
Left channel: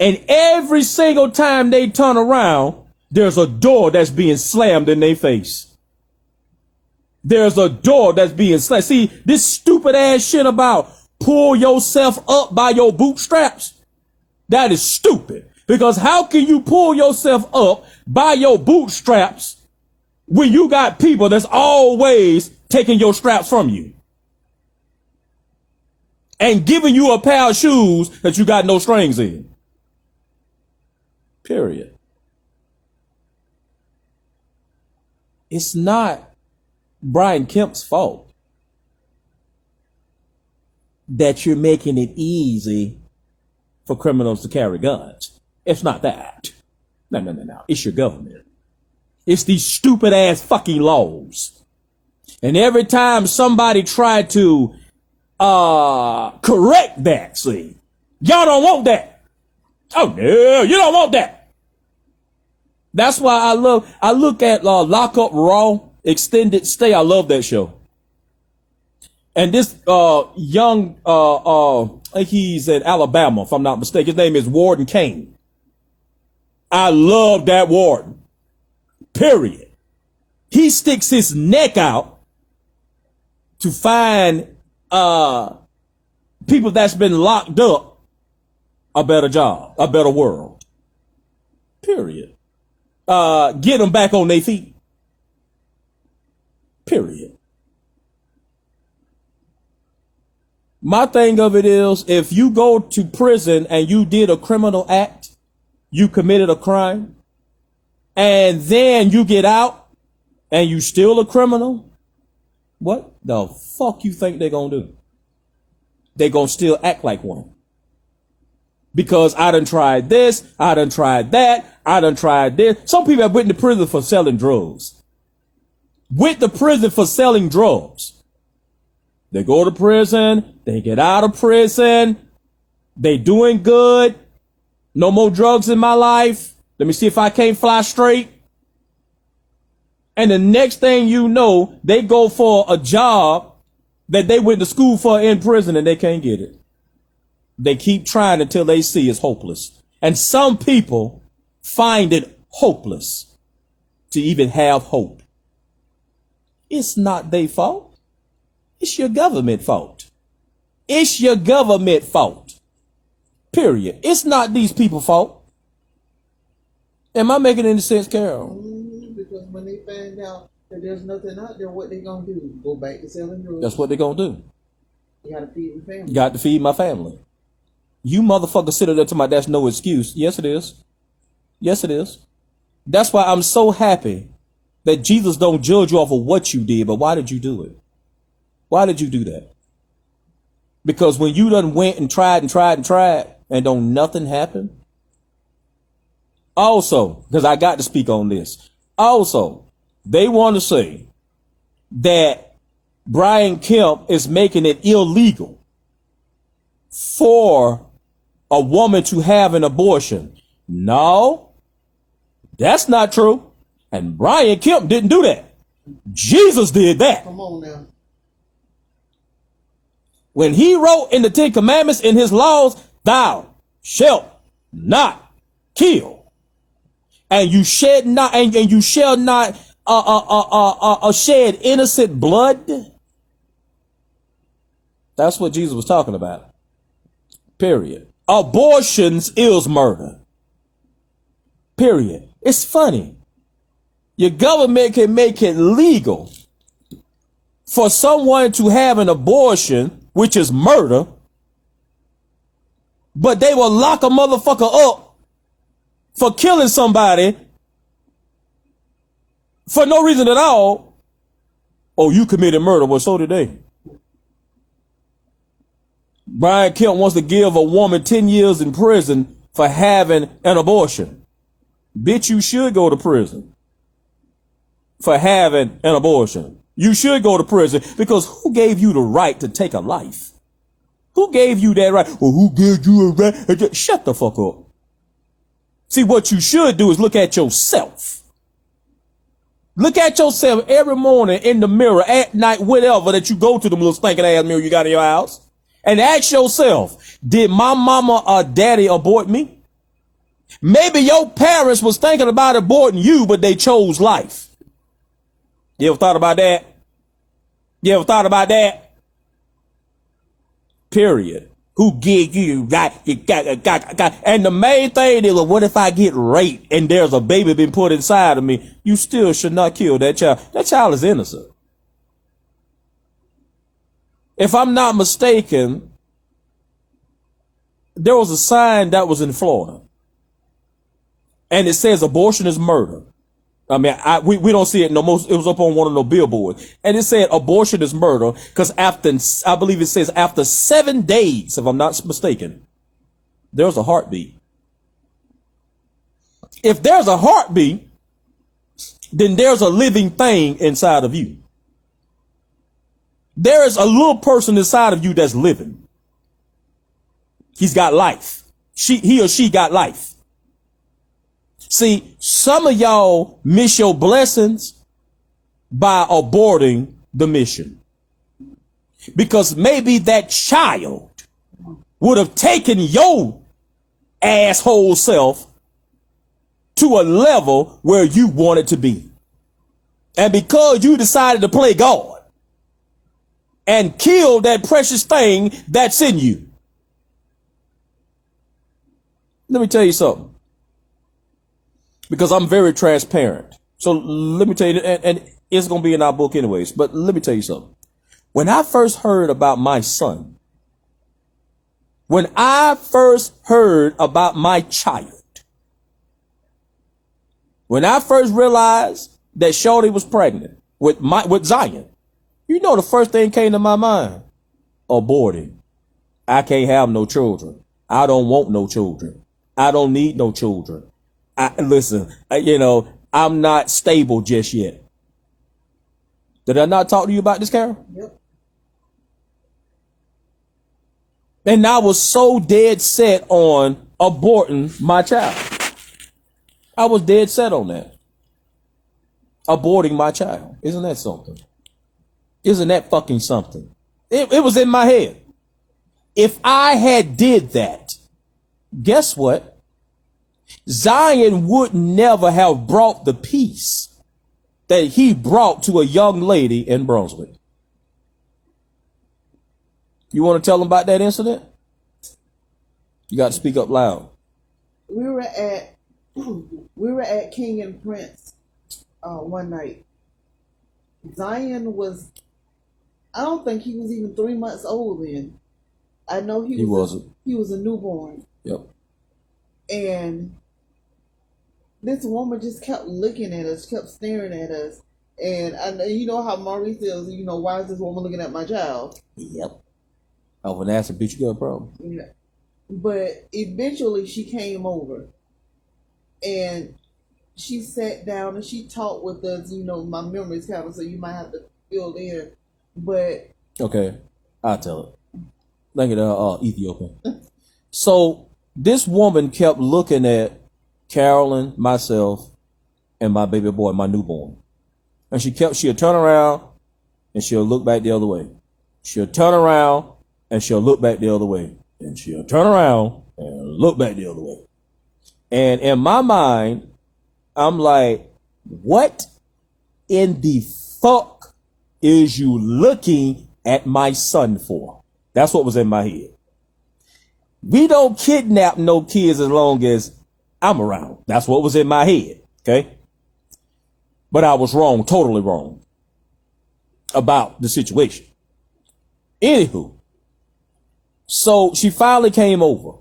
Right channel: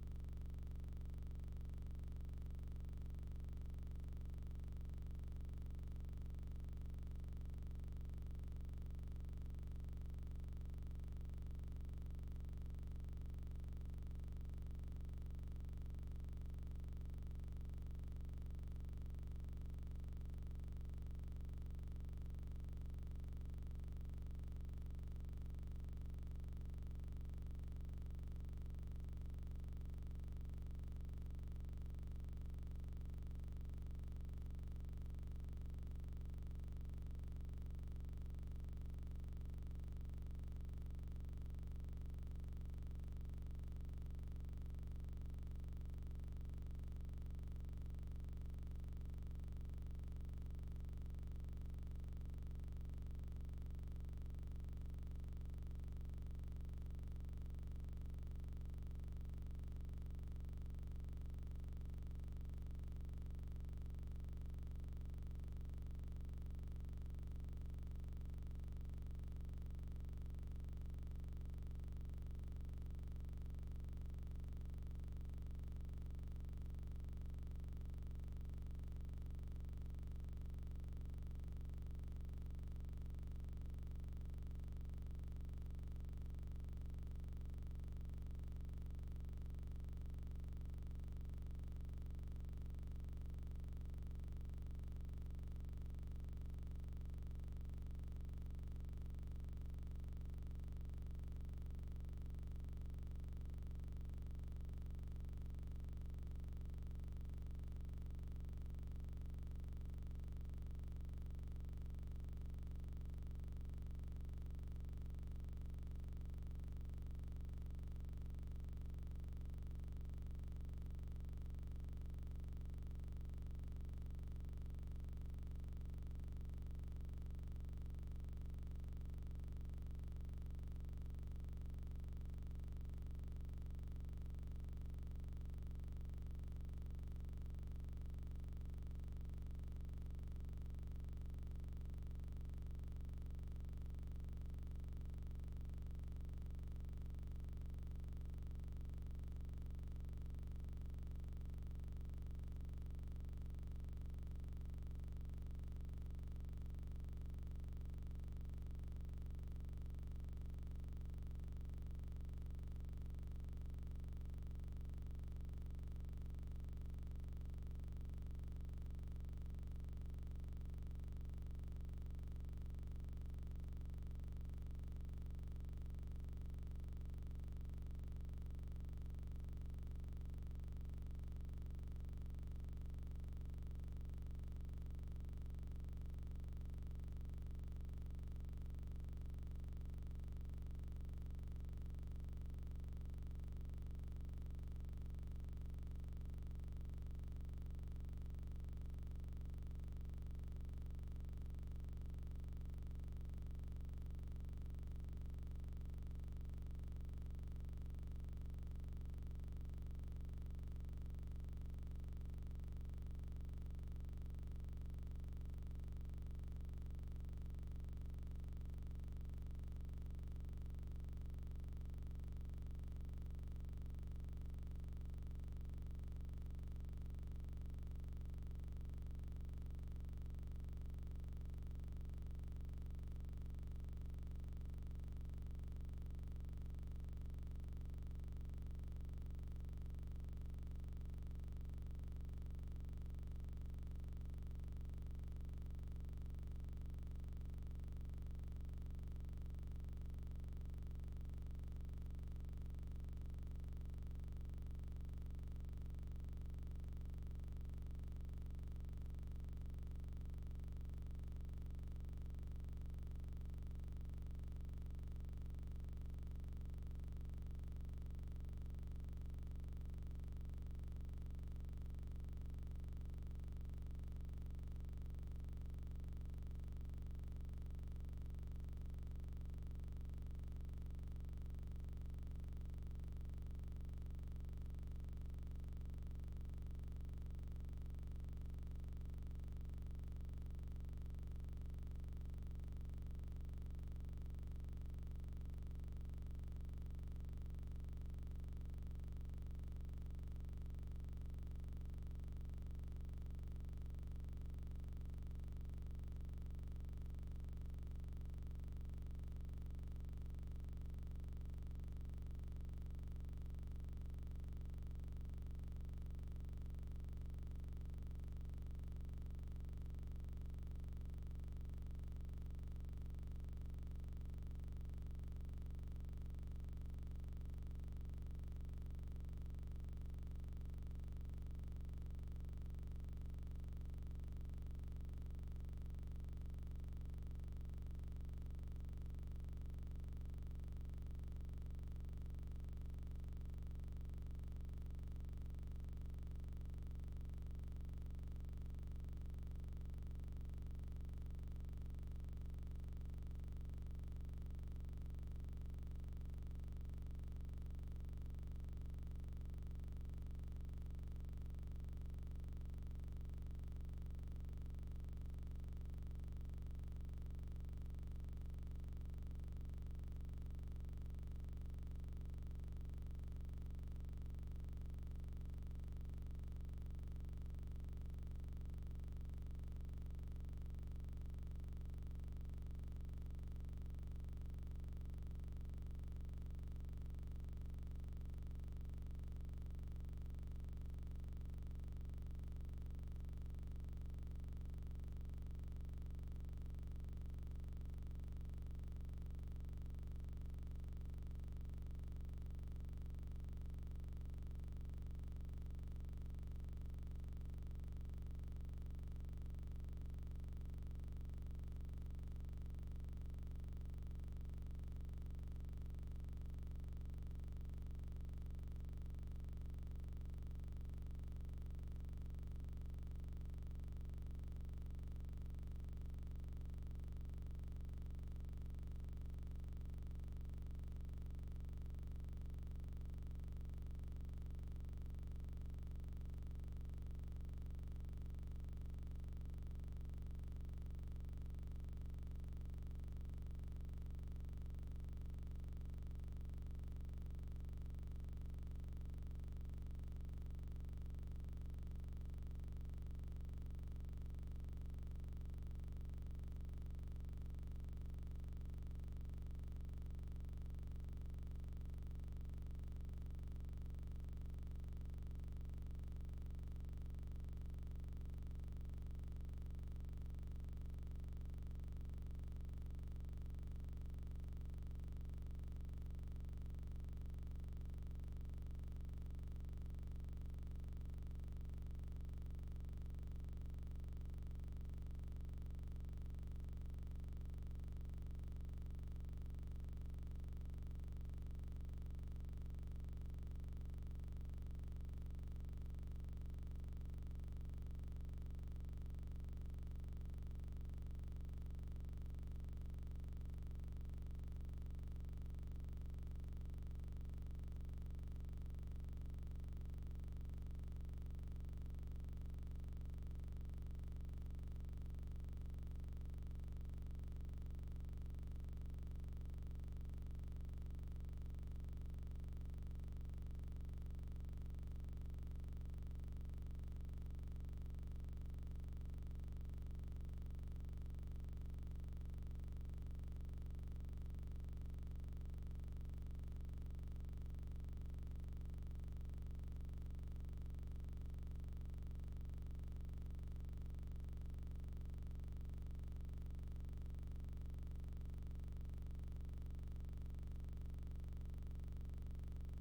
And every single time they turn around, there's a door that's being slammed in their face. There's a door that's being slammed. See, this stupid ass shit about pull yourself up by your bootstraps, that is stupid. Because how can you pull yourself up by your bootstraps when you got people that's always taking your straps from you and giving you a pair of shoes that you got no strings in? Period. It's not Brian Kemp's fault that you're making it easy for criminals to carry guns. It's not that. No. It's your government. It's these stupid ass fucking laws. And every time somebody tried to correct that, see, y'all don't want that. Oh no, you don't want that. That's why I look at Lock Up Raw Extended Stay. I love that show. And this young he's in Alabama, if I'm not mistaken. His name is Warden Kane. I love that warden. Period. He sticks his neck out to find people that's been locked up a better job, a better world. Period. Get them back on their feet. Period. My thing of it is, if you go to prison and you did a criminal act, you committed a crime, and then you get out and you still a criminal, what the fuck you think they're gonna do? They gonna still act like one. Because I done tried this, I done tried that, I done tried this. Some people have went to prison for selling drugs. Went to prison for selling drugs. They go to prison, they get out of prison, they doing good. No more drugs in my life. Let me see if I can't fly straight. And the next thing you know, they go for a job that they went to school for in prison and they can't get it. They keep trying until they see it's hopeless. And some people find it hopeless to even have hope. It's not their fault. It's your government fault. It's your government fault. Period. It's not these people's fault. Am I making any sense, Carol? Because when they find out that there's nothing out there, what they gonna do? Go back to selling drugs. That's what they're gonna do. You gotta feed your family. You got to feed my family. You motherfuckers sit there to my that's no excuse. Yes, it is. Yes, it is. That's why I'm so happy that Jesus don't judge you off of what you did, but why did you do it? Why did you do that? Because when you done went and tried and don't nothing happen. Also, because I got to speak on this. Also, they want to say that Brian Kemp is making it illegal for a woman to have an abortion. No, that's not true. And Brian Kemp didn't do that. Jesus did that. Come on now. When he wrote in the 10 Commandments in his laws, thou shalt not kill. And you shed not, and you shall not shed innocent blood. That's what Jesus was talking about. Period. Abortions is murder. Period. It's funny. Your government can make it legal for someone to have an abortion, which is murder, but they will lock a motherfucker up for killing somebody for no reason at all. Oh, you committed murder. Well, so did they. Brian Kemp wants to give a woman 10 years in prison for having an abortion. Bitch, you should go to prison for having an abortion. You should go to prison because who gave you the right to take a life? Who gave you that right? Well, who gave you a right? Shut the fuck up. See, what you should do is look at yourself. Look at yourself every morning in the mirror, at night, whatever, that you go to the little stinking ass mirror you got in your house. And ask yourself, did my mama or daddy abort me? Maybe your parents was thinking about aborting you, but they chose life. You ever thought about that? You ever thought about that? Period. Who gave you right? And the main thing is, well, what if I get raped and there's a baby been put inside of me? You still should not kill that child. That child is innocent. If I'm not mistaken, there was a sign that was in Florida, and it says abortion is murder. I mean, we don't see it no more. It was up on one of the billboards, and it said abortion is murder because after, I believe it says after 7 days, if I'm not mistaken, there's a heartbeat. If there's a heartbeat, then there's a living thing inside of you. There is a little person inside of you that's living. He's got life. He or she got life. See, some of y'all miss your blessings by aborting the mission. Because maybe that child would have taken your asshole self to a level where you wanted to be. And because you decided to play God and kill that precious thing that's in you. Let me tell you something. Because I'm very transparent. So let me tell you, and it's going to be in our book anyways, but let me tell you something. When I first heard about my son, when I first heard about my child, when I first realized that Shorty was pregnant with Zion, you know the first thing came to my mind? Aborting. I can't have no children. I don't want no children. I don't need no children. Listen, I'm not stable just yet. Did I not talk to you about this, Carol? Yep. And I was so dead set on aborting my child. I was dead set on that. Aborting my child. Isn't that something? Isn't that fucking something? It was in my head. If I had did that, guess what? Zion would never have brought the peace that he brought to a young lady in Brunswick. You want to tell them about that incident? You got to speak up loud. We were at King and Prince one night. Zion was, I don't think he was even 3 months old then. I know he wasn't. He was a newborn. Yep. And this woman just kept looking at us, kept staring at us. And you know how Maurice says, you know, why is this woman looking at my child? Yep. I would ask a bitch, you got a problem. Yeah. But eventually she came over and she sat down and she talked with us. You know, my memory's kind of, so you might have to fill in. But okay, I'll tell it. Thank you, Ethiopian. So this woman kept looking at Carolyn, myself, and my baby boy, my newborn. And she'll turn around and she'll look back the other way. She'll turn around and she'll look back the other way. And she'll turn around and look back the other way. And in my mind, I'm like, what in the fuck is you looking at my son for? That's what was in my head. We don't kidnap no kids as long as I'm around. That's what was in my head. Okay. But I was wrong, totally wrong about the situation. Anywho, so she finally came over.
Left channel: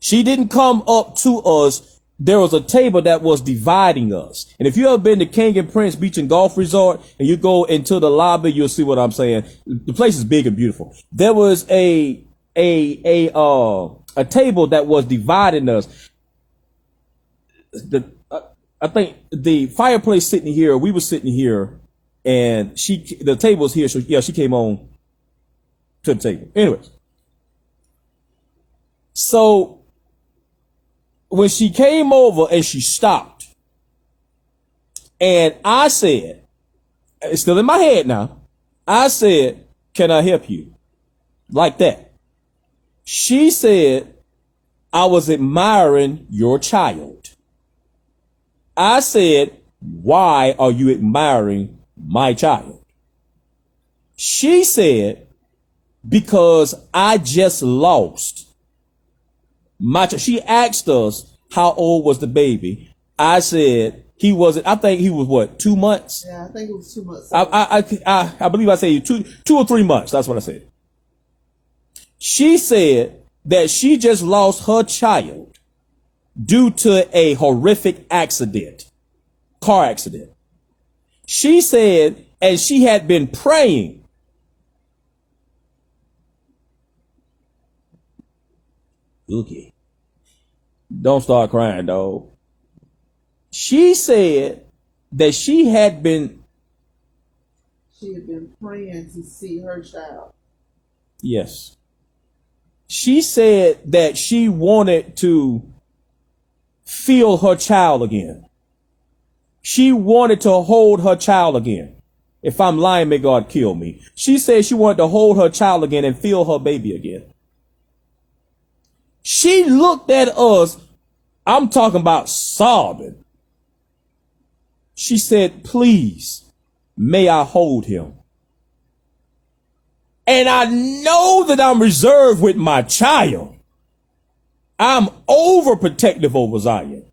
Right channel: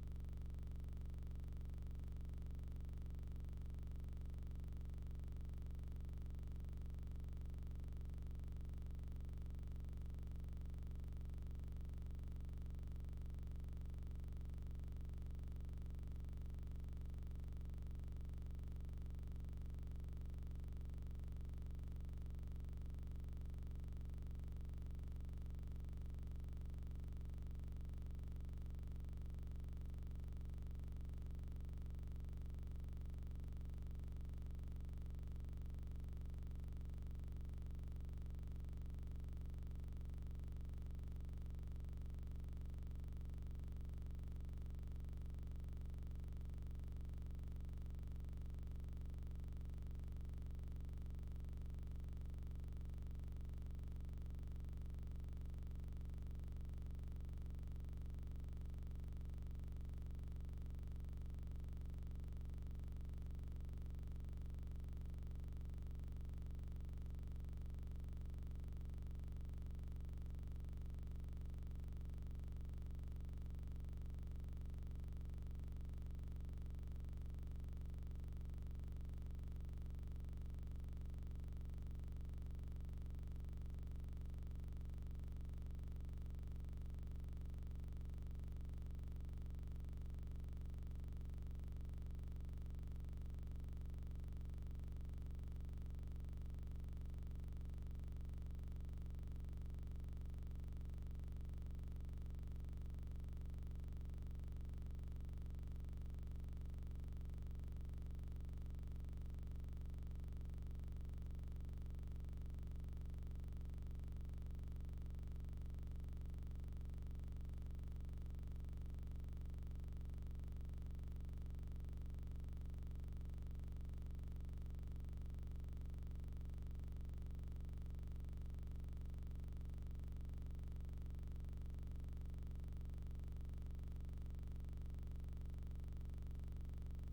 She didn't come up to us. There was a table that was dividing us. And if you ever been to King and Prince Beach and Golf Resort and you go into the lobby, you'll see what I'm saying. The place is big and beautiful. There was a table that was dividing us. I think the fireplace sitting here, we were sitting here, and the table's here. So yeah, she came on to the table. Anyways, so when she came over and she stopped, and I said, it's still in my head now, I said, can I help you? Like that. She said, I was admiring your child. I said, why are you admiring my child? She said, because I just lost my child. She asked us, how old was the baby? I said, I think he was what, 2 months? Yeah, I think it was 2 months. I believe I said 2 or 3 months. That's what I said. She said that she just lost her child due to a horrific car accident. She said, and she had been praying. Okay. Don't start crying, dog. She said that she had been praying to see her child. Yes. She said that she wanted to feel her child again. She wanted to hold her child again. If I'm lying, may God kill me. She said she wanted to hold her child again and feel her baby again. She looked at us, I'm talking about sobbing. She said, please, may I hold him? And I know that I'm reserved with my child. I'm overprotective over Zion.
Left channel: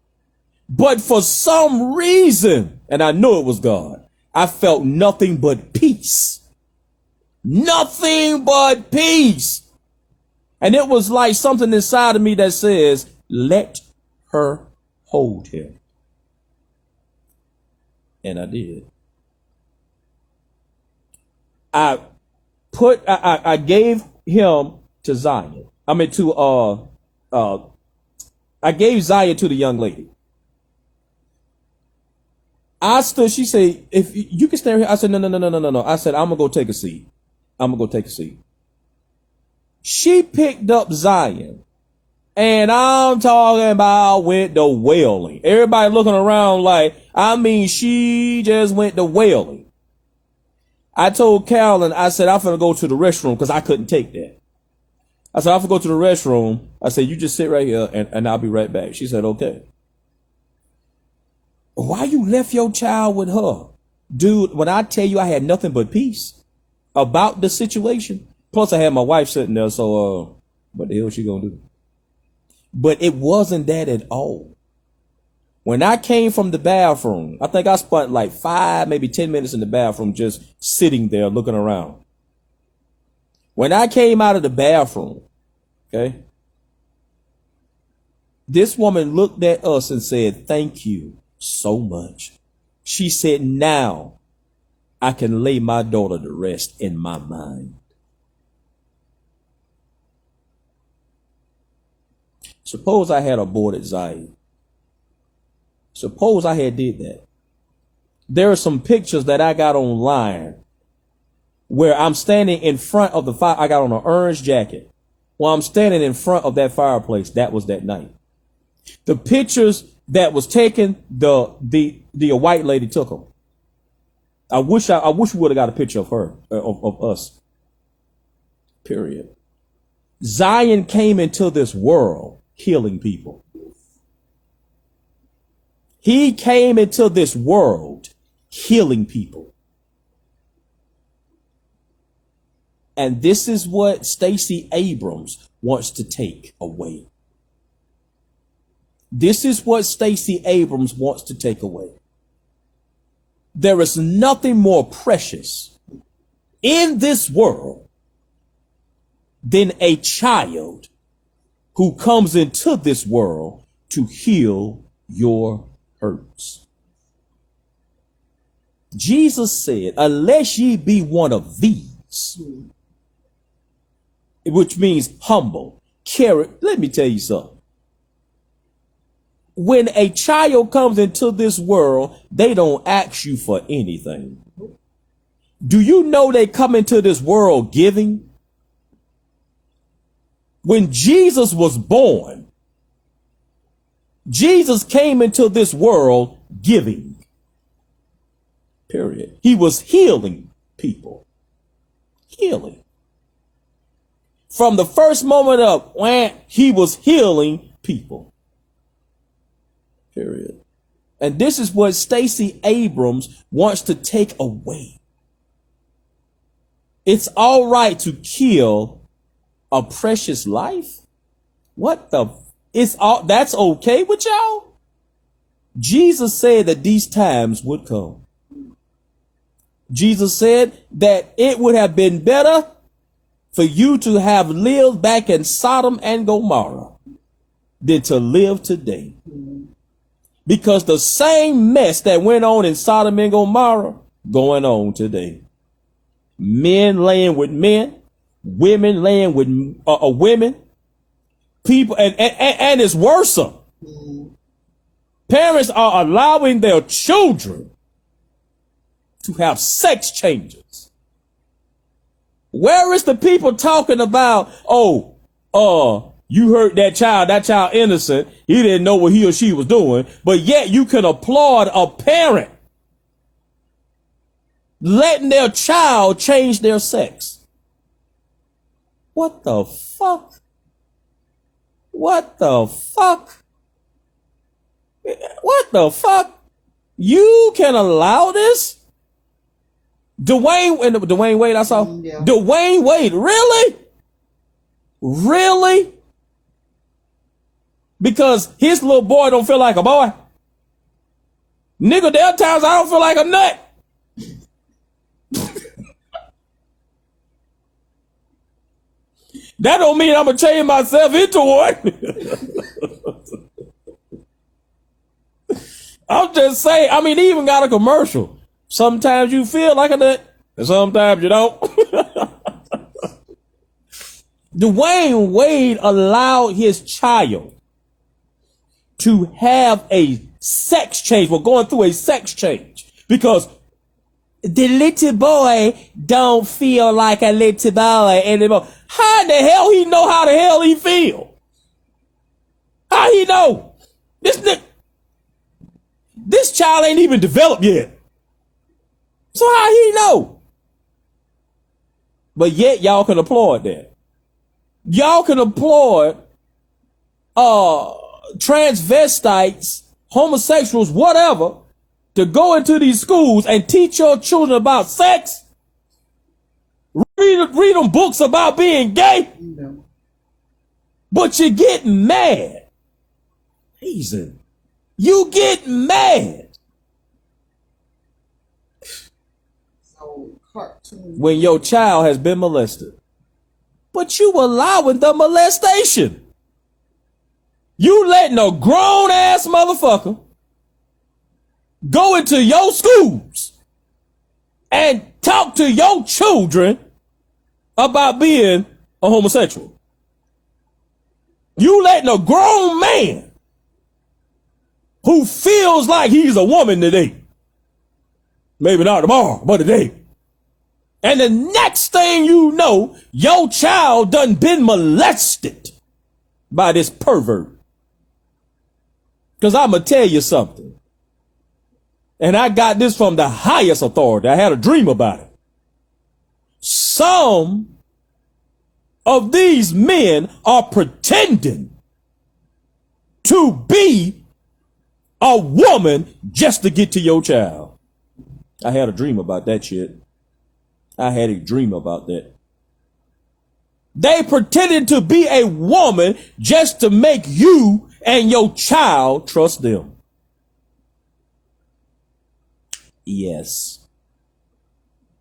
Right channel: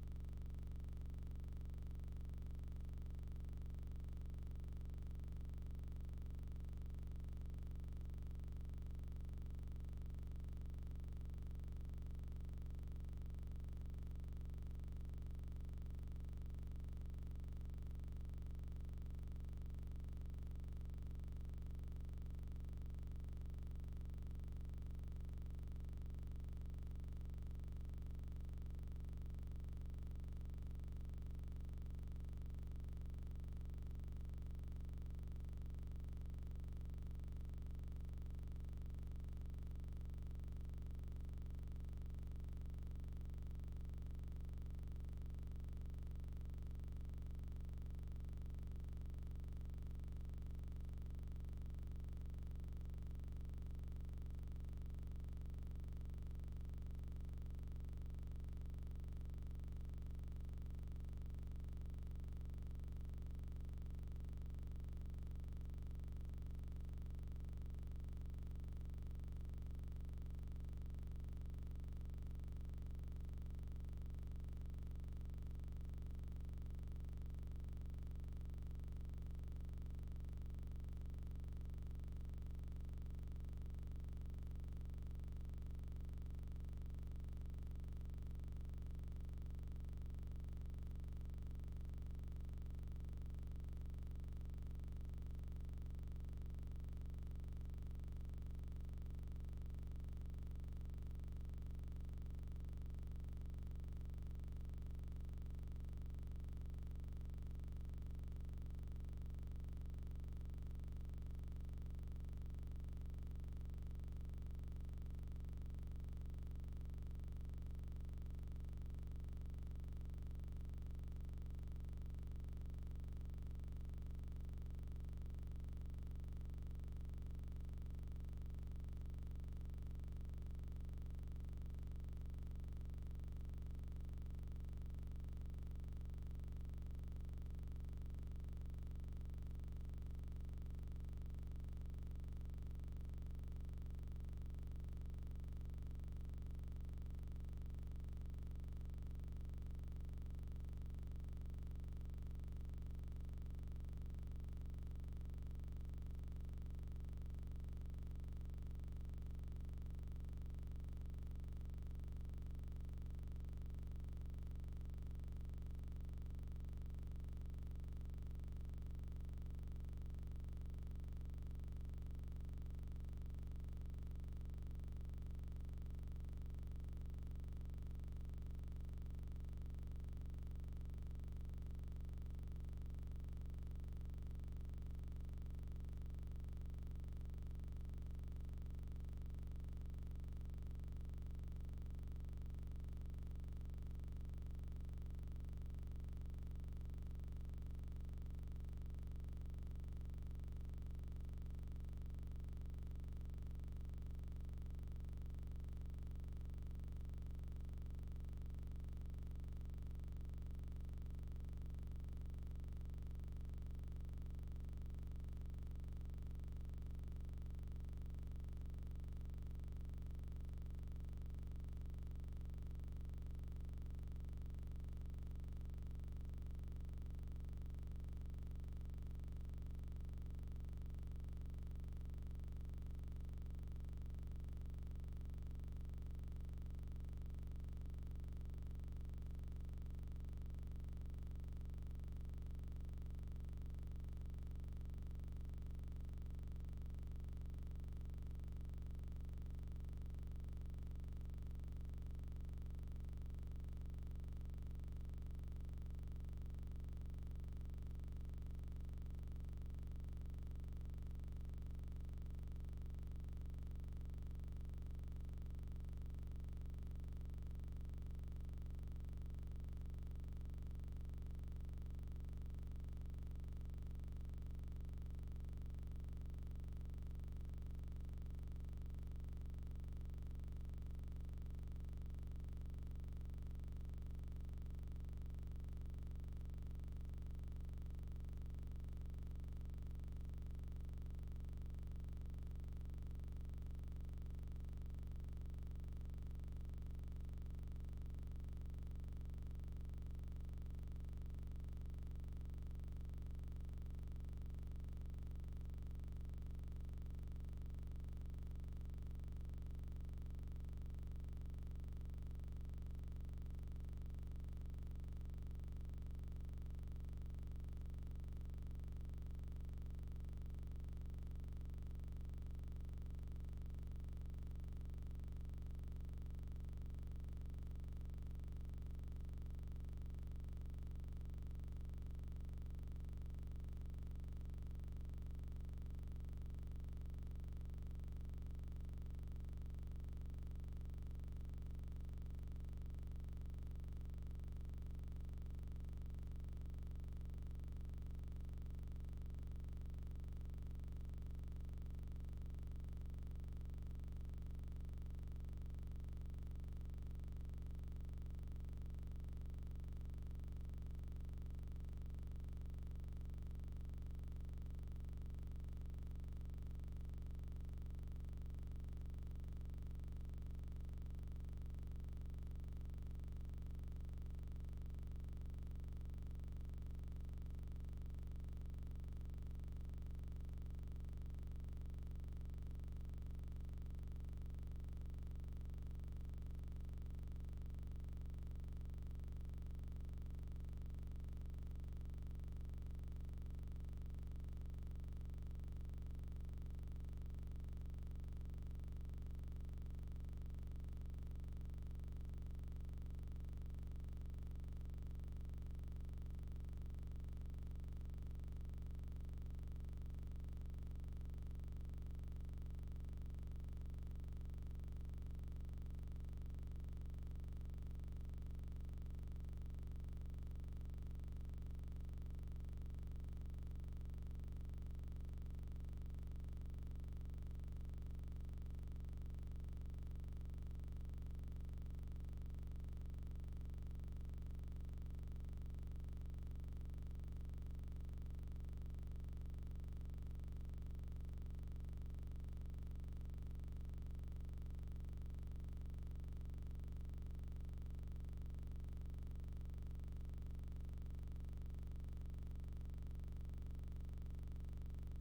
But for some reason, and I know it was God, I felt nothing but peace. Nothing but peace. And it was like something inside of me that says, let her hold him. And I did. I gave him to Zion. I gave Zion to the young lady. I stood, she said, if you can stand here. I said, no. I said, I'm going to go take a seat. She picked up Zion. And I'm talking about went to wailing. Everybody looking around like, she just went to wailing. I told Carolyn, I said, I'm going to go to the restroom because I couldn't take that. I said, I'm going to go to the restroom. I said, you just sit right here and I'll be right back. She said, okay. Why you left your child with her? Dude, when I tell you I had nothing but peace about the situation, plus I had my wife sitting there, so what the hell she gonna do? But it wasn't that at all. When I came from the bathroom, I think I spent like 5, maybe 10 minutes in the bathroom just sitting there looking around. When I came out of the bathroom, okay, this woman looked at us and said, thank you so much. She said, now I can lay my daughter to rest in my mind. Suppose I had aborted Zion. Suppose I had did that. There are some pictures that I got online where I'm standing in front of the fire. I got on an orange jacket. While I'm standing in front of that fireplace, that was that night. The pictures that was taken, the white lady took them. I wish we would have got a picture of her, of us. Period. Zion came into this world healing people. He came into this world healing people. And this is what Stacey Abrams wants to take away. This is what Stacey Abrams wants to take away. There is nothing more precious in this world than a child who comes into this world to heal your hurts. Jesus said, unless ye be one of these, which means humble, carry. Let me tell you something. When a child comes into this world, they don't ask you for anything. Do you know they come into this world giving? When Jesus was born, Jesus came into this world giving. Period. He was healing people. Healing. From the first moment up, when he was healing people. Period. And this is what Stacey Abrams wants to take away. It's all right to kill a precious life. What the? That's okay with y'all? Jesus said that these times would come. Jesus said that it would have been better for you to have lived back in Sodom and Gomorrah than to live today. Because the same mess that went on in Sodom and Gomorrah going on today. Men laying with men, women laying with women, people, and it's worse. Parents are allowing their children to have sex changes. Where is the people talking about, you hurt that child innocent, he didn't know what he or she was doing, but yet you can applaud a parent letting their child change their sex. What the fuck? What the fuck? What the fuck? You can allow this? Dwayne Wade, I saw. Yeah. Dwayne Wade, really? Really? Because his little boy don't feel like a boy. Nigga, there are times I don't feel like a nut. That don't mean I'm going to change myself into one. I'm just saying, he even got a commercial. Sometimes you feel like a nut, and sometimes you don't. Dwayne Wade allowed his child to have a sex change. We're going through a sex change because the little boy don't feel like a little boy anymore. How in the hell he know how the hell he feel? How he know? This child ain't even developed yet. So how he know? But yet y'all can applaud that. Y'all can applaud transvestites, homosexuals, whatever, to go into these schools and teach your children about sex. Read them books about being gay. No. But you get mad. Reason. You get mad. So cartoon. When your child has been molested. But you allowing the molestation. You letting a grown ass motherfucker go into your schools and talk to your children about being a homosexual. You letting a grown man who feels like he's a woman today, maybe not tomorrow, but today, and the next thing you know, your child done been molested by this pervert. Because I'm going to tell you something. And I got this from the highest authority. I had a dream about it. Some of these men are pretending to be a woman just to get to your child. I had a dream about that shit. I had a dream about that. They pretended to be a woman just to make you and your child trust them. Yes.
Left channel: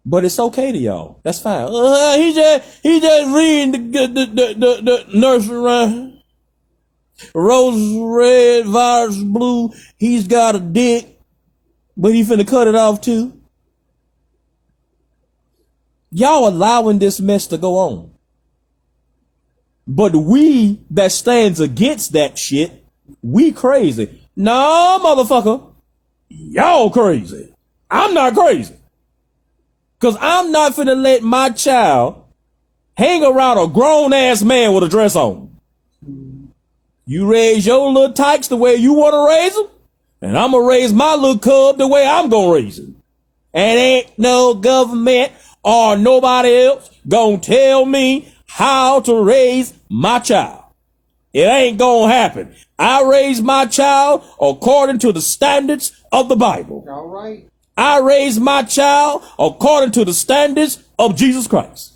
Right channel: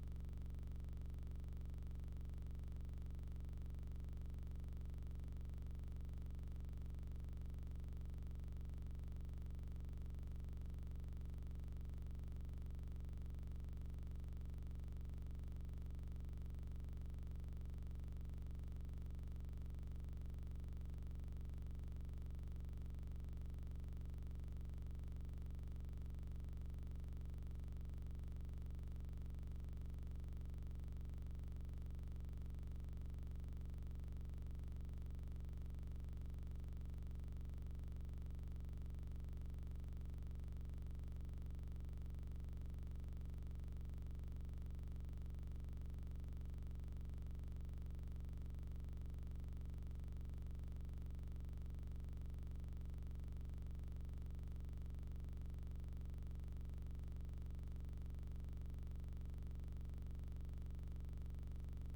But it's okay to y'all. That's fine. He just reading the nursery rhyme. Rose red, virus blue. He's got a dick, but he finna cut it off too. Y'all allowing this mess to go on. But we that stands against that shit, we crazy. No, motherfucker. Y'all crazy. I'm not crazy. Because I'm not finna let my child hang around a grown-ass man with a dress on. You raise your little tykes the way you want to raise them, and I'm going to raise my little cub the way I'm going to raise him. And ain't no government or nobody else going to tell me how to raise my child. It ain't going to happen. I raise my child according to the standards of the Bible. All right. I raise my child according to the standards of Jesus Christ.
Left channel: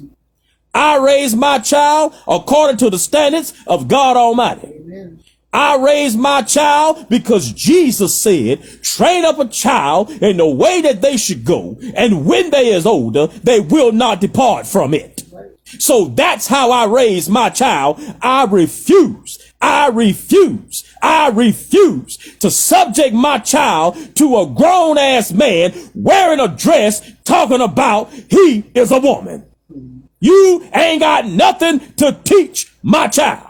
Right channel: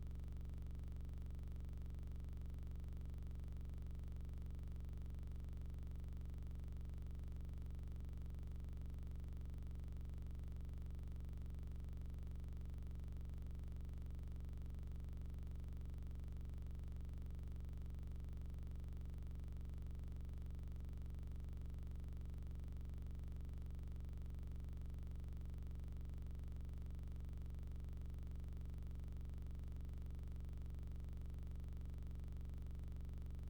I raise my child according to the standards of God Almighty. Amen. I raise my child because Jesus said, train up a child in the way that they should go, and when they is older, they will not depart from it. Right. So that's how I raise my child. I refuse to subject my child to a grown ass man wearing a dress talking about he is a woman. You ain't got nothing to teach my child.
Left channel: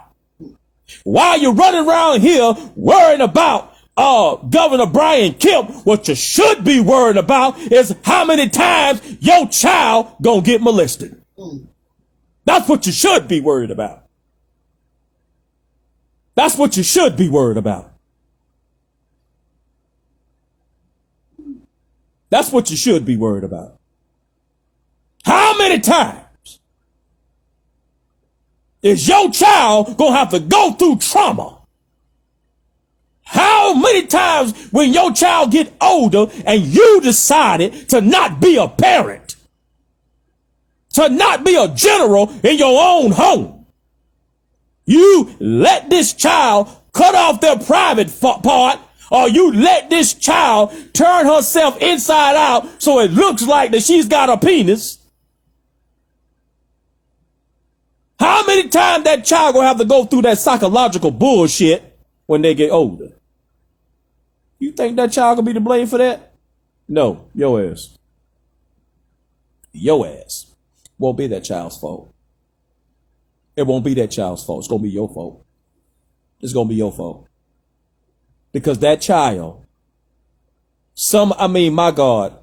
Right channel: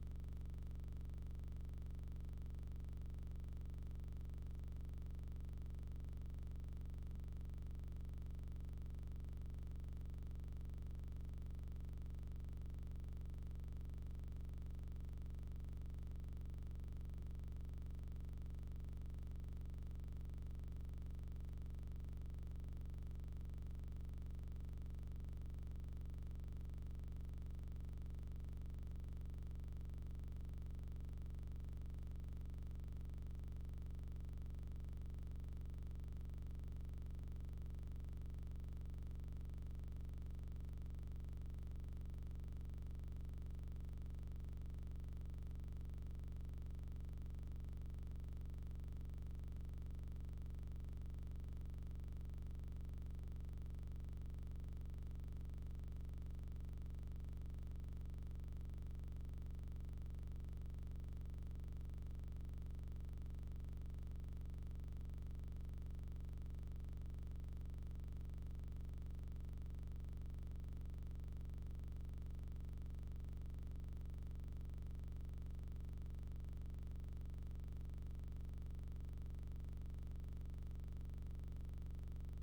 While you're running around here worrying about Governor Mr Kemp, what you should be worried about is how many times your child gonna get molested. That's what you should be worried about. That's what you should be worried about. That's what you should be worried about. How many times is your child gonna have to go through trauma? How many times when your child get older and you decided to not be a parent, to not be a general in your own home, you let this child cut off their private part, or you let this child turn herself inside out so it looks like that she's got a penis? How many times that child gonna have to go through that psychological bullshit when they get older? You think that child gonna be to blame for that? No, your ass. Your ass. Won't be that child's fault. It won't be that child's fault. It's gonna be your fault. It's gonna be your fault. Because that child, my God,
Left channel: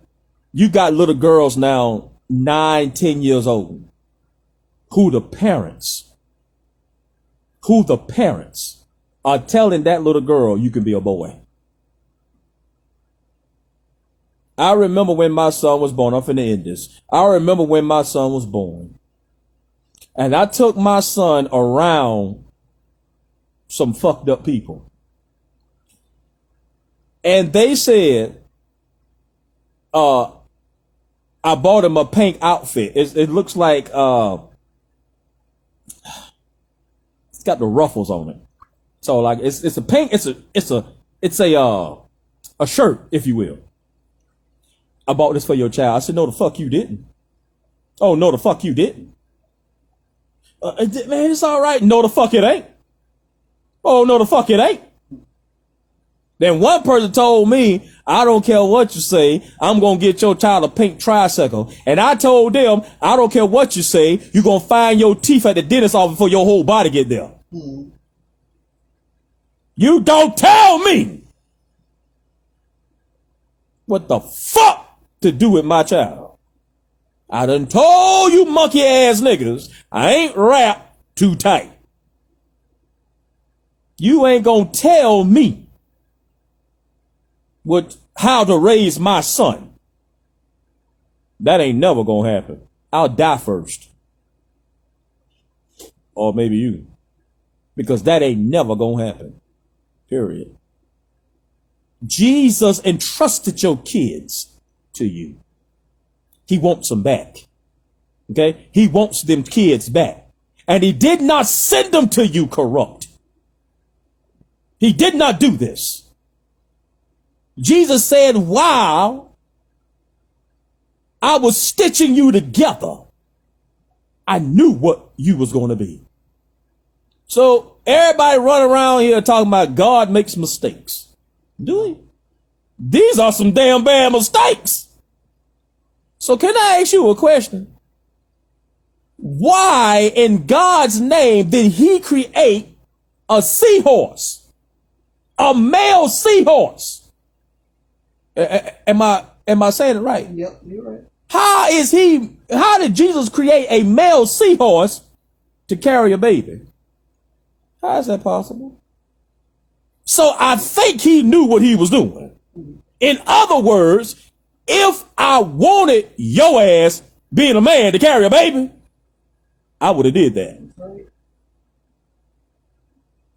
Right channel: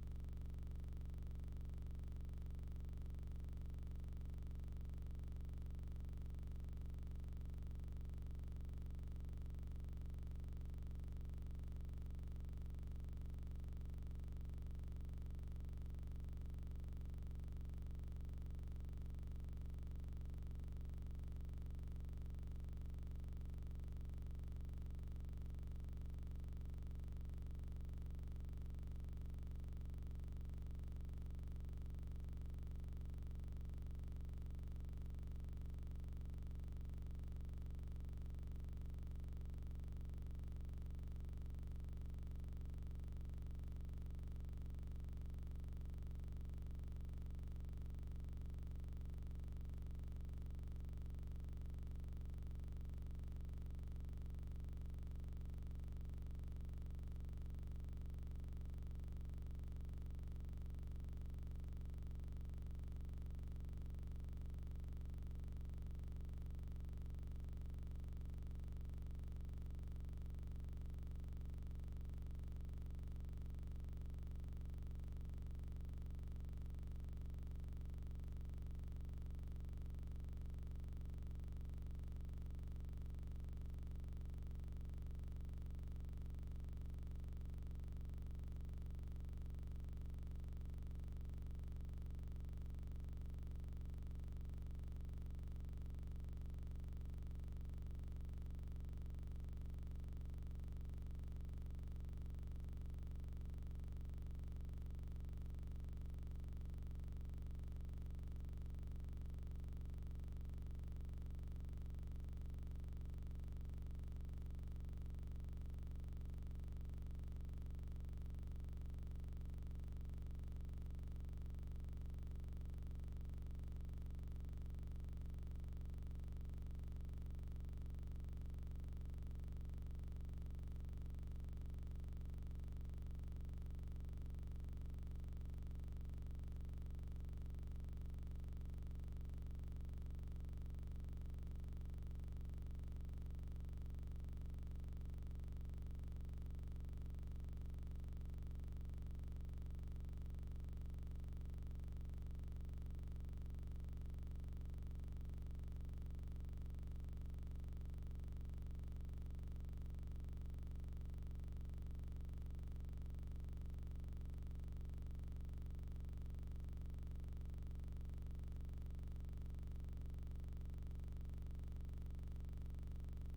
you got little girls now, 9, 10 years old, who the parents are telling that little girl, you can be a boy. I remember when my son was born. I'm finna end this. I remember when my son was born. And I took my son around some fucked up people. And they said, I bought him a pink outfit. It looks like, it's got the ruffles on it. So like, it's a pink, it's a shirt, if you will. I bought this for your child. I said, no, the fuck you didn't. Oh, no, the fuck you didn't. Man, it's all right. No, the fuck it ain't. Oh, no, the fuck it ain't. Then one person told me, I don't care what you say, I'm going to get your child a pink tricycle. And I told them, I don't care what you say, you're going to find your teeth at the dentist office before your whole body get there. Mm-hmm. You don't tell me what the fuck to do with my child. I done told you monkey ass niggas, I ain't wrapped too tight. You ain't gonna tell me how to raise my son. That ain't never gonna happen. I'll die first. Or maybe you. Because that ain't never gonna happen. Period. Jesus entrusted your kids to you. He wants them back. Okay? He wants them kids back. And he did not send them to you corrupt. He did not do this. Jesus said, while I was stitching you together, I knew what you was going to be. So everybody running around here talking about God makes mistakes. Do he? These are some damn bad mistakes. So can I ask you a question? Why in God's name did he create a seahorse? A male seahorse? Am I saying it right? Yep, you're right. How did Jesus create a male seahorse to carry a baby? How is that possible? So I think he knew what he was doing. In other words, if I wanted your ass being a man to carry a baby, I would have did that. Right.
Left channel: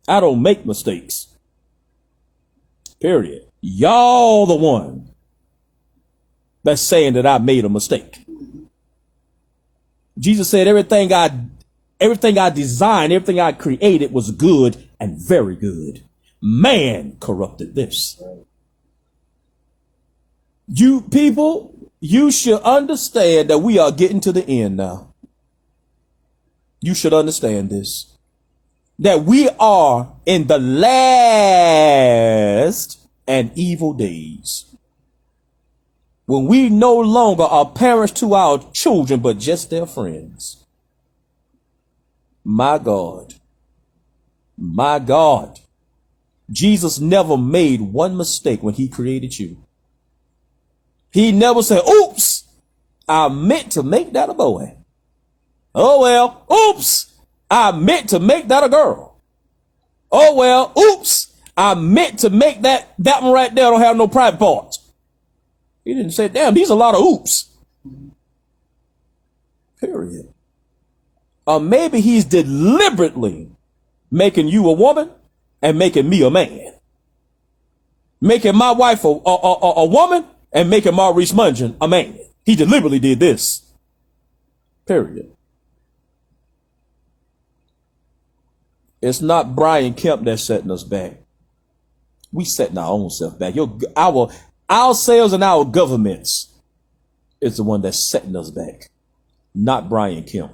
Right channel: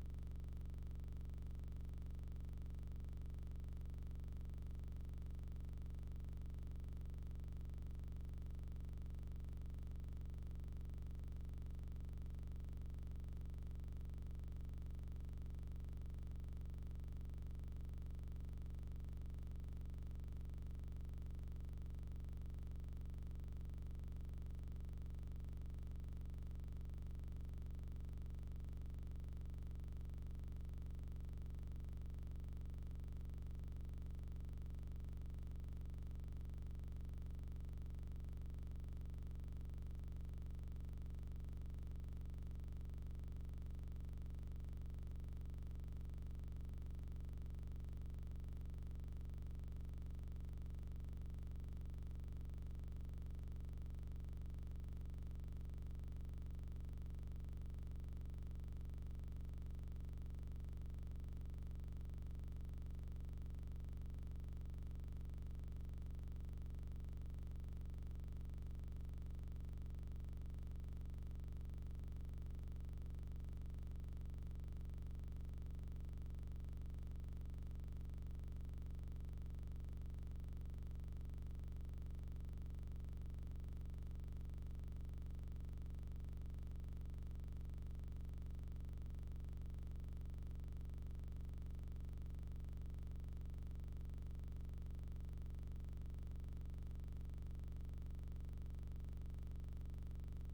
I don't make mistakes. Period. Y'all the one that's saying that I made a mistake. Jesus said everything I designed, everything I created was good and very good. Man corrupted this. You people, you should understand that we are getting to the end now. You should understand this. That we are in the last and evil days. When we no longer are parents to our children, but just their friends. My God. My God. Jesus never made one mistake when he created you. He never said, oops, I meant to make that a boy. Oh, well, oops, I meant to make that a girl. Oh, well, oops, I meant to make that one right there don't have no private parts. He didn't say, damn, these are a lot of oops. Period. Or maybe he's deliberately making you a woman and making me a man. Making my wife a woman and making Maurice Mungen a man. He deliberately did this. Period. It's not Brian Kemp that's setting us back. We setting our own self back. Ourselves and our governments is the one that's setting us back, not Brian Kemp.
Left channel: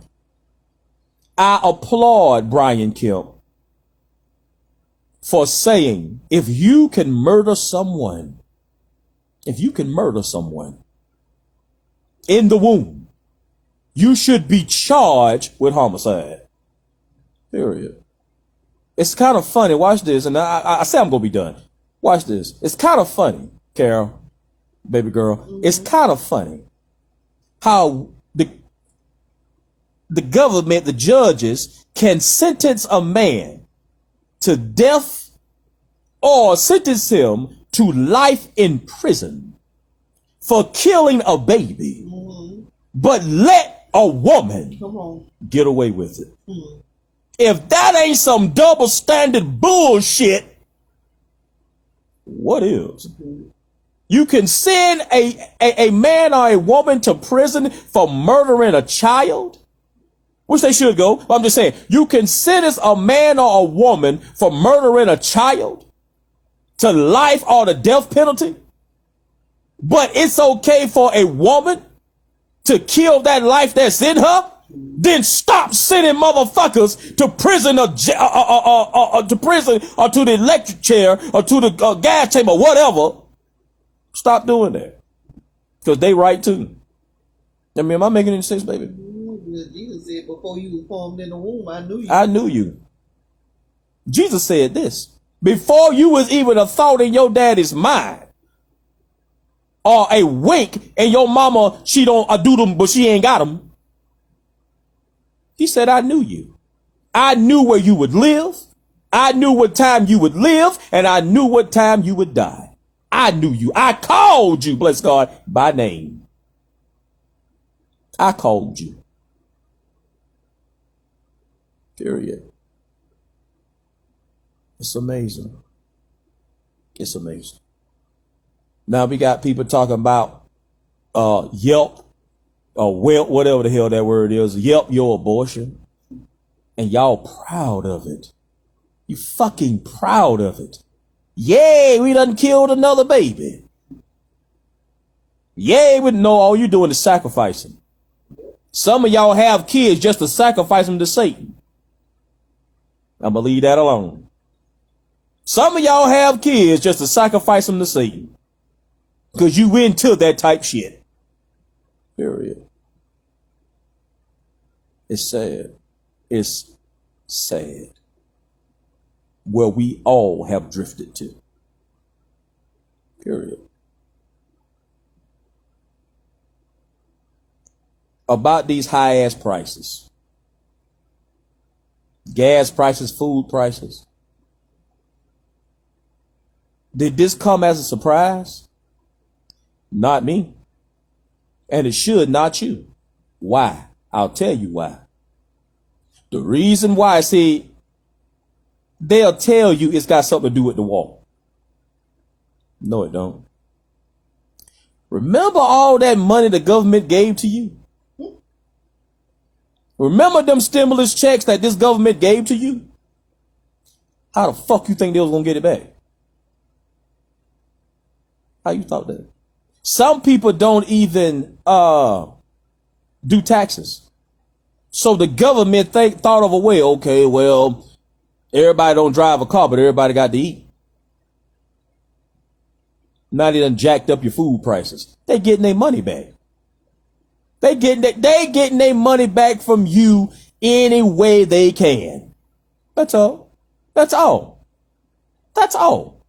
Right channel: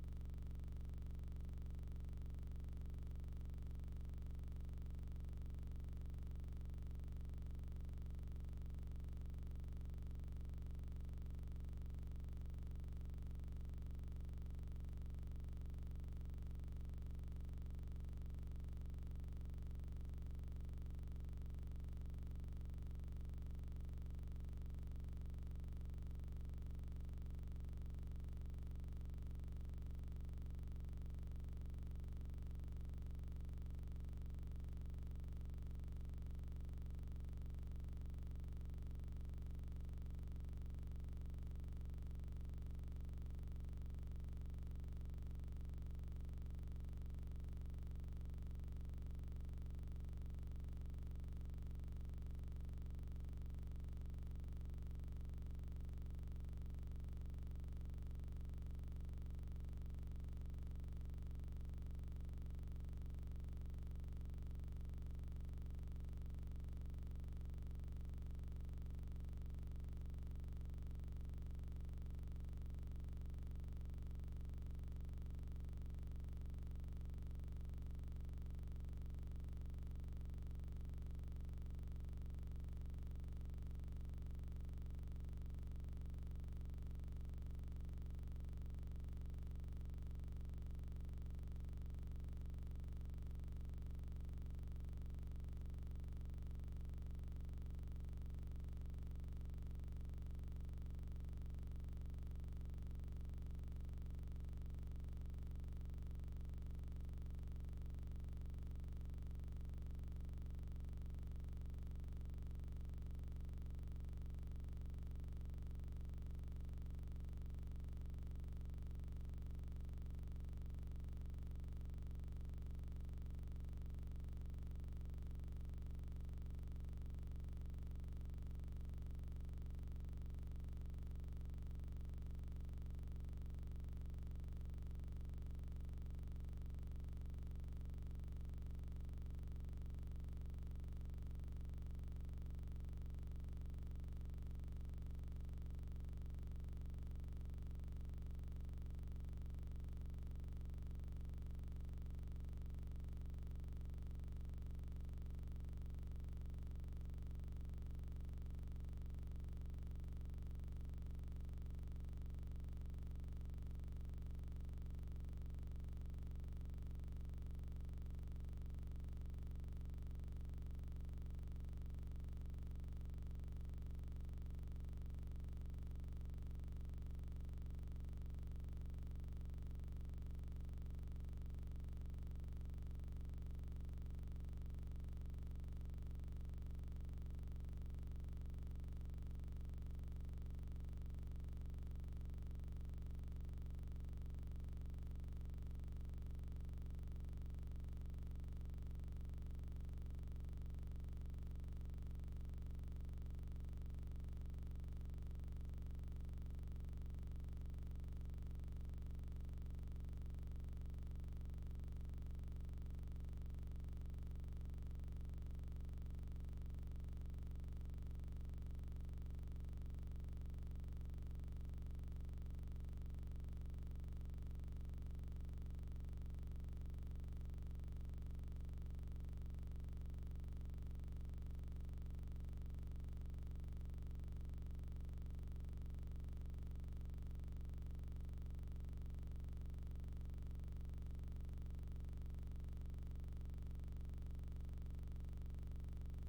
I applaud Brian Kemp for saying, if you can murder someone in the womb, you should be charged with homicide. Period. It's kind of funny. Watch this. And I say I'm going to be done. Watch this. It's kind of funny, Carol, baby girl. Mm-hmm. It's kind of funny how the government, the judges, can sentence a man to death or sentence him to life in prison for killing a baby, but let a woman Come on. get away with it. If that ain't some double standard bullshit, what is? You can send a man or a woman to prison for murdering a child, which they should go. But I'm just saying, you can sentence a man or a woman for murdering a child to life or the death penalty. But it's okay for a woman to kill that life that's in her. Then stop sending motherfuckers to prison or to prison or to the electric chair or to the gas chamber, whatever. Stop doing that, because they right too. I mean, am I making any sense, baby? Jesus said, before you were formed in the womb, I knew you. I knew you. Jesus said this before you was even a thought in your daddy's mind, or a wink, and your mama, she don't do them, but she ain't got them. He said, I knew you. I knew where you would live. I knew what time you would live, and I knew what time you would die. I knew you. I called you, bless God, by name. I called you. Period. It's amazing. It's amazing. Now we got people talking about Yelp or Whelp, whatever the hell that word is. Yelp your abortion. And y'all proud of it. You fucking proud of it. Yay, we done killed another baby. Yay, we know all you doing is sacrificing. Some of y'all have kids just to sacrifice them to Satan. I'm gonna leave that alone. Some of y'all have kids just to sacrifice them to Satan. Because you into that type shit. Period. It's sad. It's sad. Where we all have drifted to. Period. About these high ass prices. Gas prices, food prices. Did this come as a surprise? Not me. And it should not you. Why? I'll tell you why. The reason why, see, they'll tell you it's got something to do with the war. No, it don't. Remember all that money the government gave to you? Remember them stimulus checks that this government gave to you? How the fuck you think they was gonna get it back? How you thought that? Some people don't even do taxes. So the government thought of a way, okay, well, everybody don't drive a car, but everybody got to eat. Now they done jacked up your food prices. They getting their money back. They getting their money back from you any way they can. That's all. That's all. That's all.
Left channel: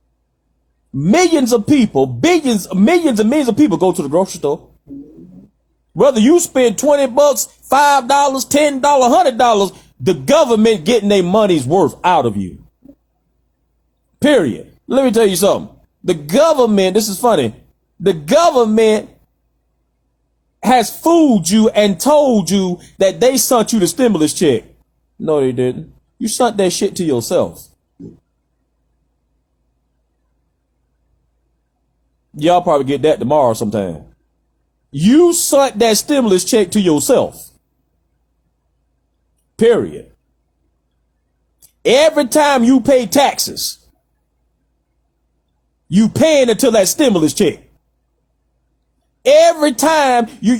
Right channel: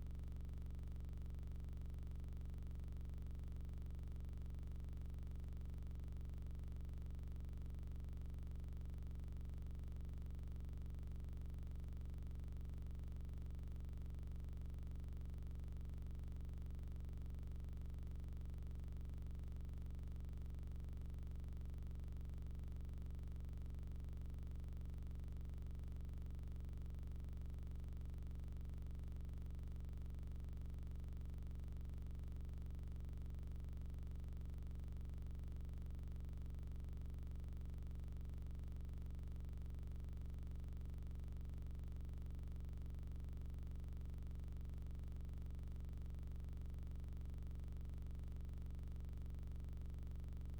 Millions of people, millions and millions of people go to the grocery store. Whether you spend $20, $5, $10, $100, the government getting their money's worth out of you. Period. Let me tell you something. The government, this is funny, the government has fooled you and told you that they sent you the stimulus check. No, they didn't. You sent that shit to yourself. Y'all probably get that tomorrow sometime. You sent that stimulus check to yourself. Period. Every time you pay taxes, you paying until that stimulus check. Every time you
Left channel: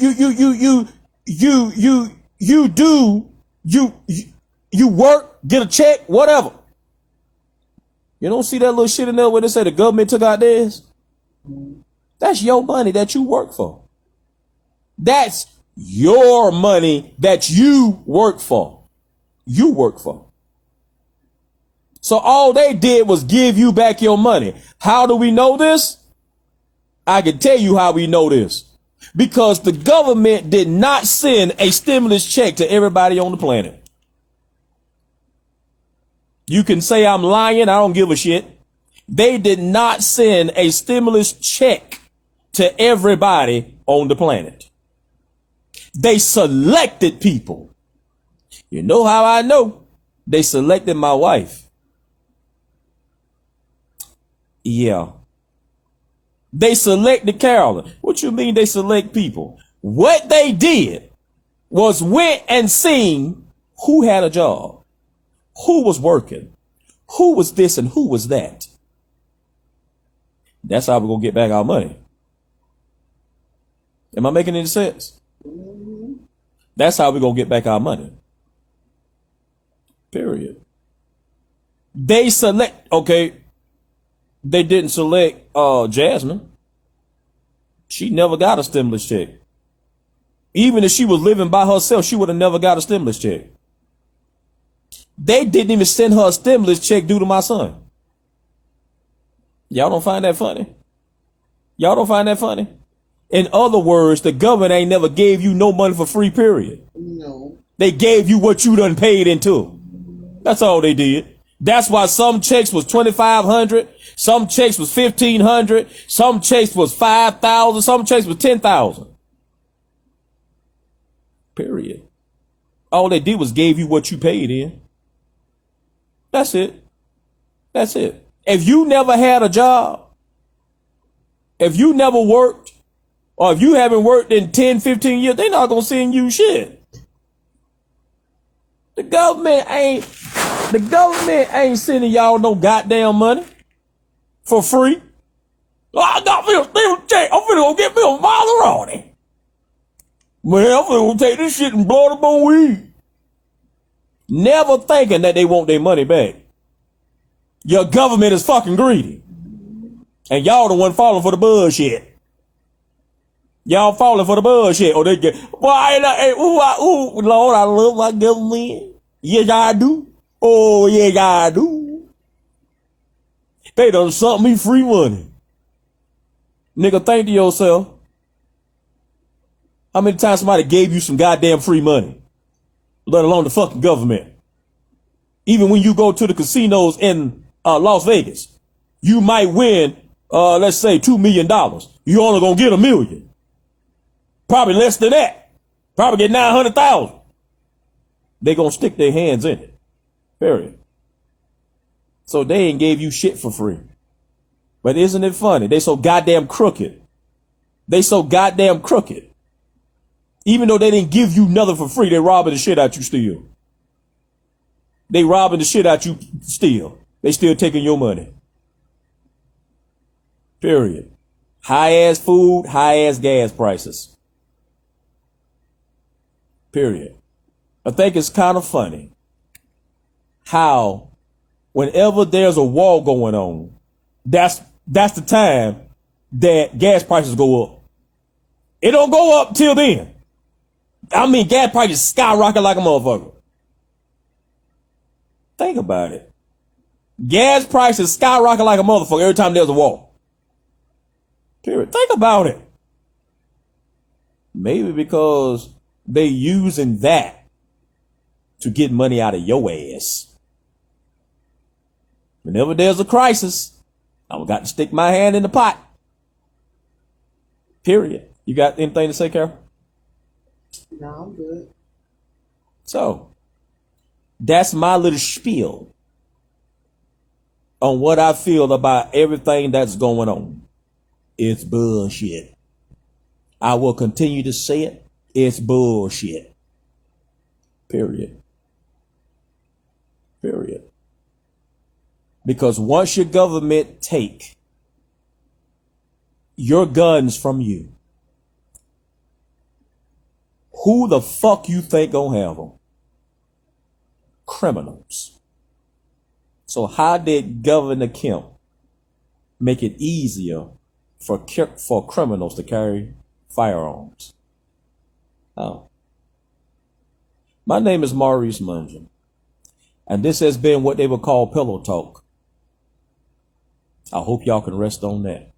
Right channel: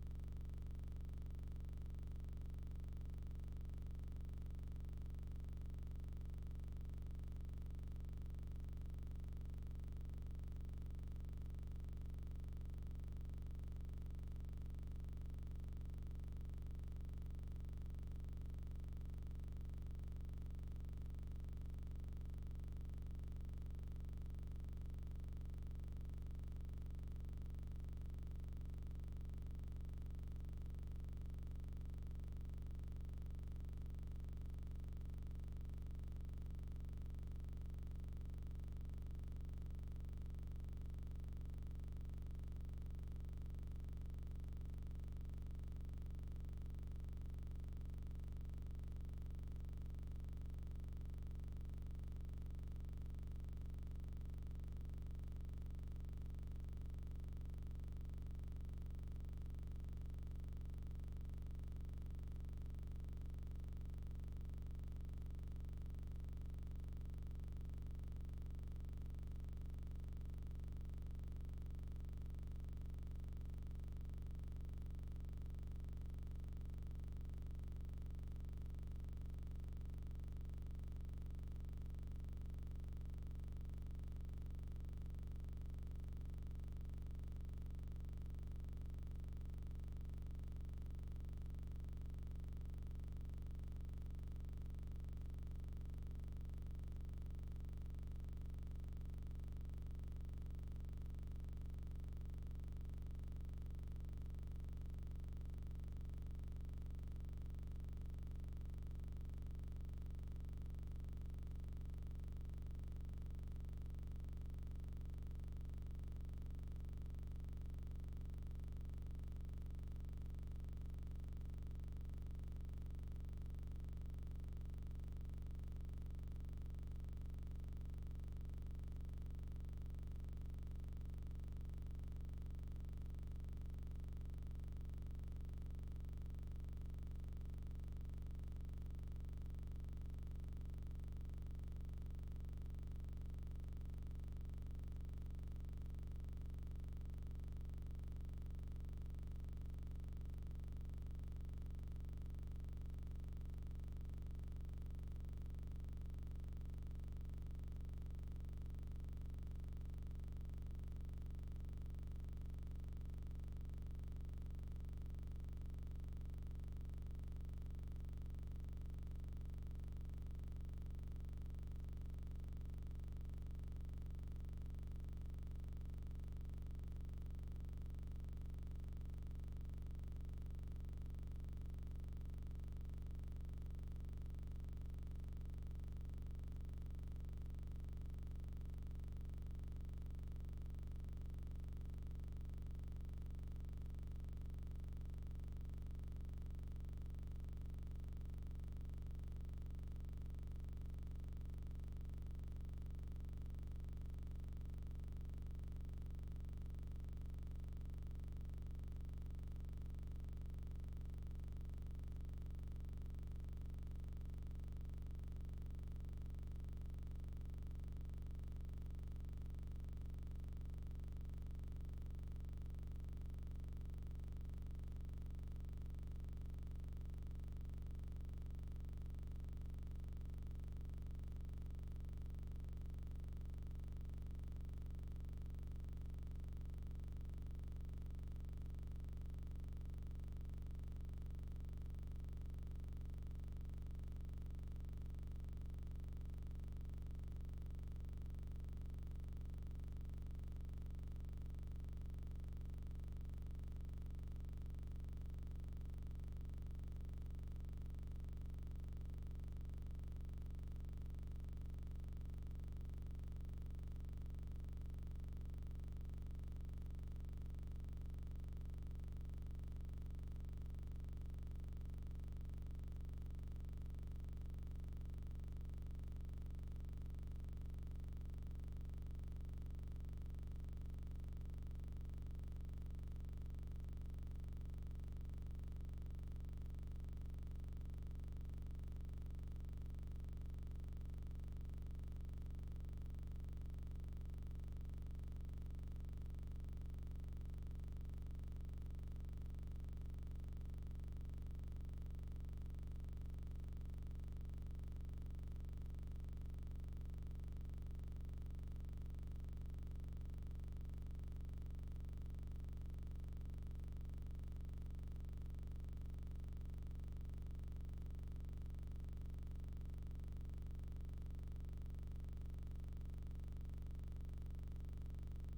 work, get a check, whatever. You don't see that little shit in there where they say the government took out theirs? That's your money that you work for. That's your money that you work for. You work for. So all they did was give you back your money. How do we know this? I can tell you how we know this. Because the government did not send a stimulus check to everybody on the planet. You can say I'm lying, I don't give a shit. They did not send a stimulus check to everybody on the planet. They selected people. You know how I know? They selected my wife. Yeah. They selected Carolyn. What you mean they select people? What they did was went and seen who had a job, who was working, who was this and who was that. That's how we're going to get back our money. Am I making any sense? That's how we're going to get back our money. Period. They select, okay, they didn't select Jasmine. She never got a stimulus check. Even if she was living by herself, she would have never got a stimulus check. They didn't even send her a stimulus check due to my son. Y'all don't find that funny? Y'all don't find that funny? In other words, the government ain't never gave you no money for free, period. No. They gave you what you done paid into. That's all they did. That's why some checks was $2,500, some checks was $1,500, some checks was $5,000, some checks was $10,000. Period. All they did was gave you what you paid in. That's it. That's it. If you never had a job, if you never worked, or if you haven't worked in 10, 15 years, they're not going to send you shit. The government ain't sending y'all no goddamn money for free. Oh, I got me a stimulus check. I'm finna go get me a Maserati. Man, I'm finna go take this shit and blow it up on weed. Never thinking that they want their money back. Your government is fucking greedy. And y'all the one falling for the bullshit. Y'all falling for the bullshit. Or they get, Lord, I love my government. Yes, I do. Oh, yes, I do. They done sent me free money. Nigga, think to yourself, how many times somebody gave you some goddamn free money? Let alone the fucking government. Even when you go to the casinos in Las Vegas, you might win, let's say $2 million. You only gonna get $1 million. Probably less than that. Probably get 900,000. They gonna stick their hands in it. Period. So they ain't gave you shit for free. But isn't it funny? They so goddamn crooked. They so goddamn crooked. Even though they didn't give you nothing for free, they robbing the shit out you still. They robbing the shit out you still. They still taking your money. Period. High ass food, high ass gas prices. Period. I think it's kind of funny how whenever there's a war going on, that's the time that gas prices go up. It don't go up till then. I mean, gas prices skyrocket like a motherfucker. Think about it. Gas prices skyrocket like a motherfucker every time there's a war. Period. Think about it. Maybe because they using that to get money out of your ass. Whenever there's a crisis, I've got to stick my hand in the pot. Period. You got anything to say, Carol? No, I'm good. So, that's my little spiel on what I feel about everything that's going on. It's bullshit. I will continue to say it. It's bullshit. Period. Period. Because once your government take your guns from you, who the fuck you think gonna have them? Criminals. So how did Governor Kemp make it easier for criminals to carry firearms? Oh. My name is Maurice Mungin, and this has been what they would call Pillow Talk. I hope y'all can rest on that.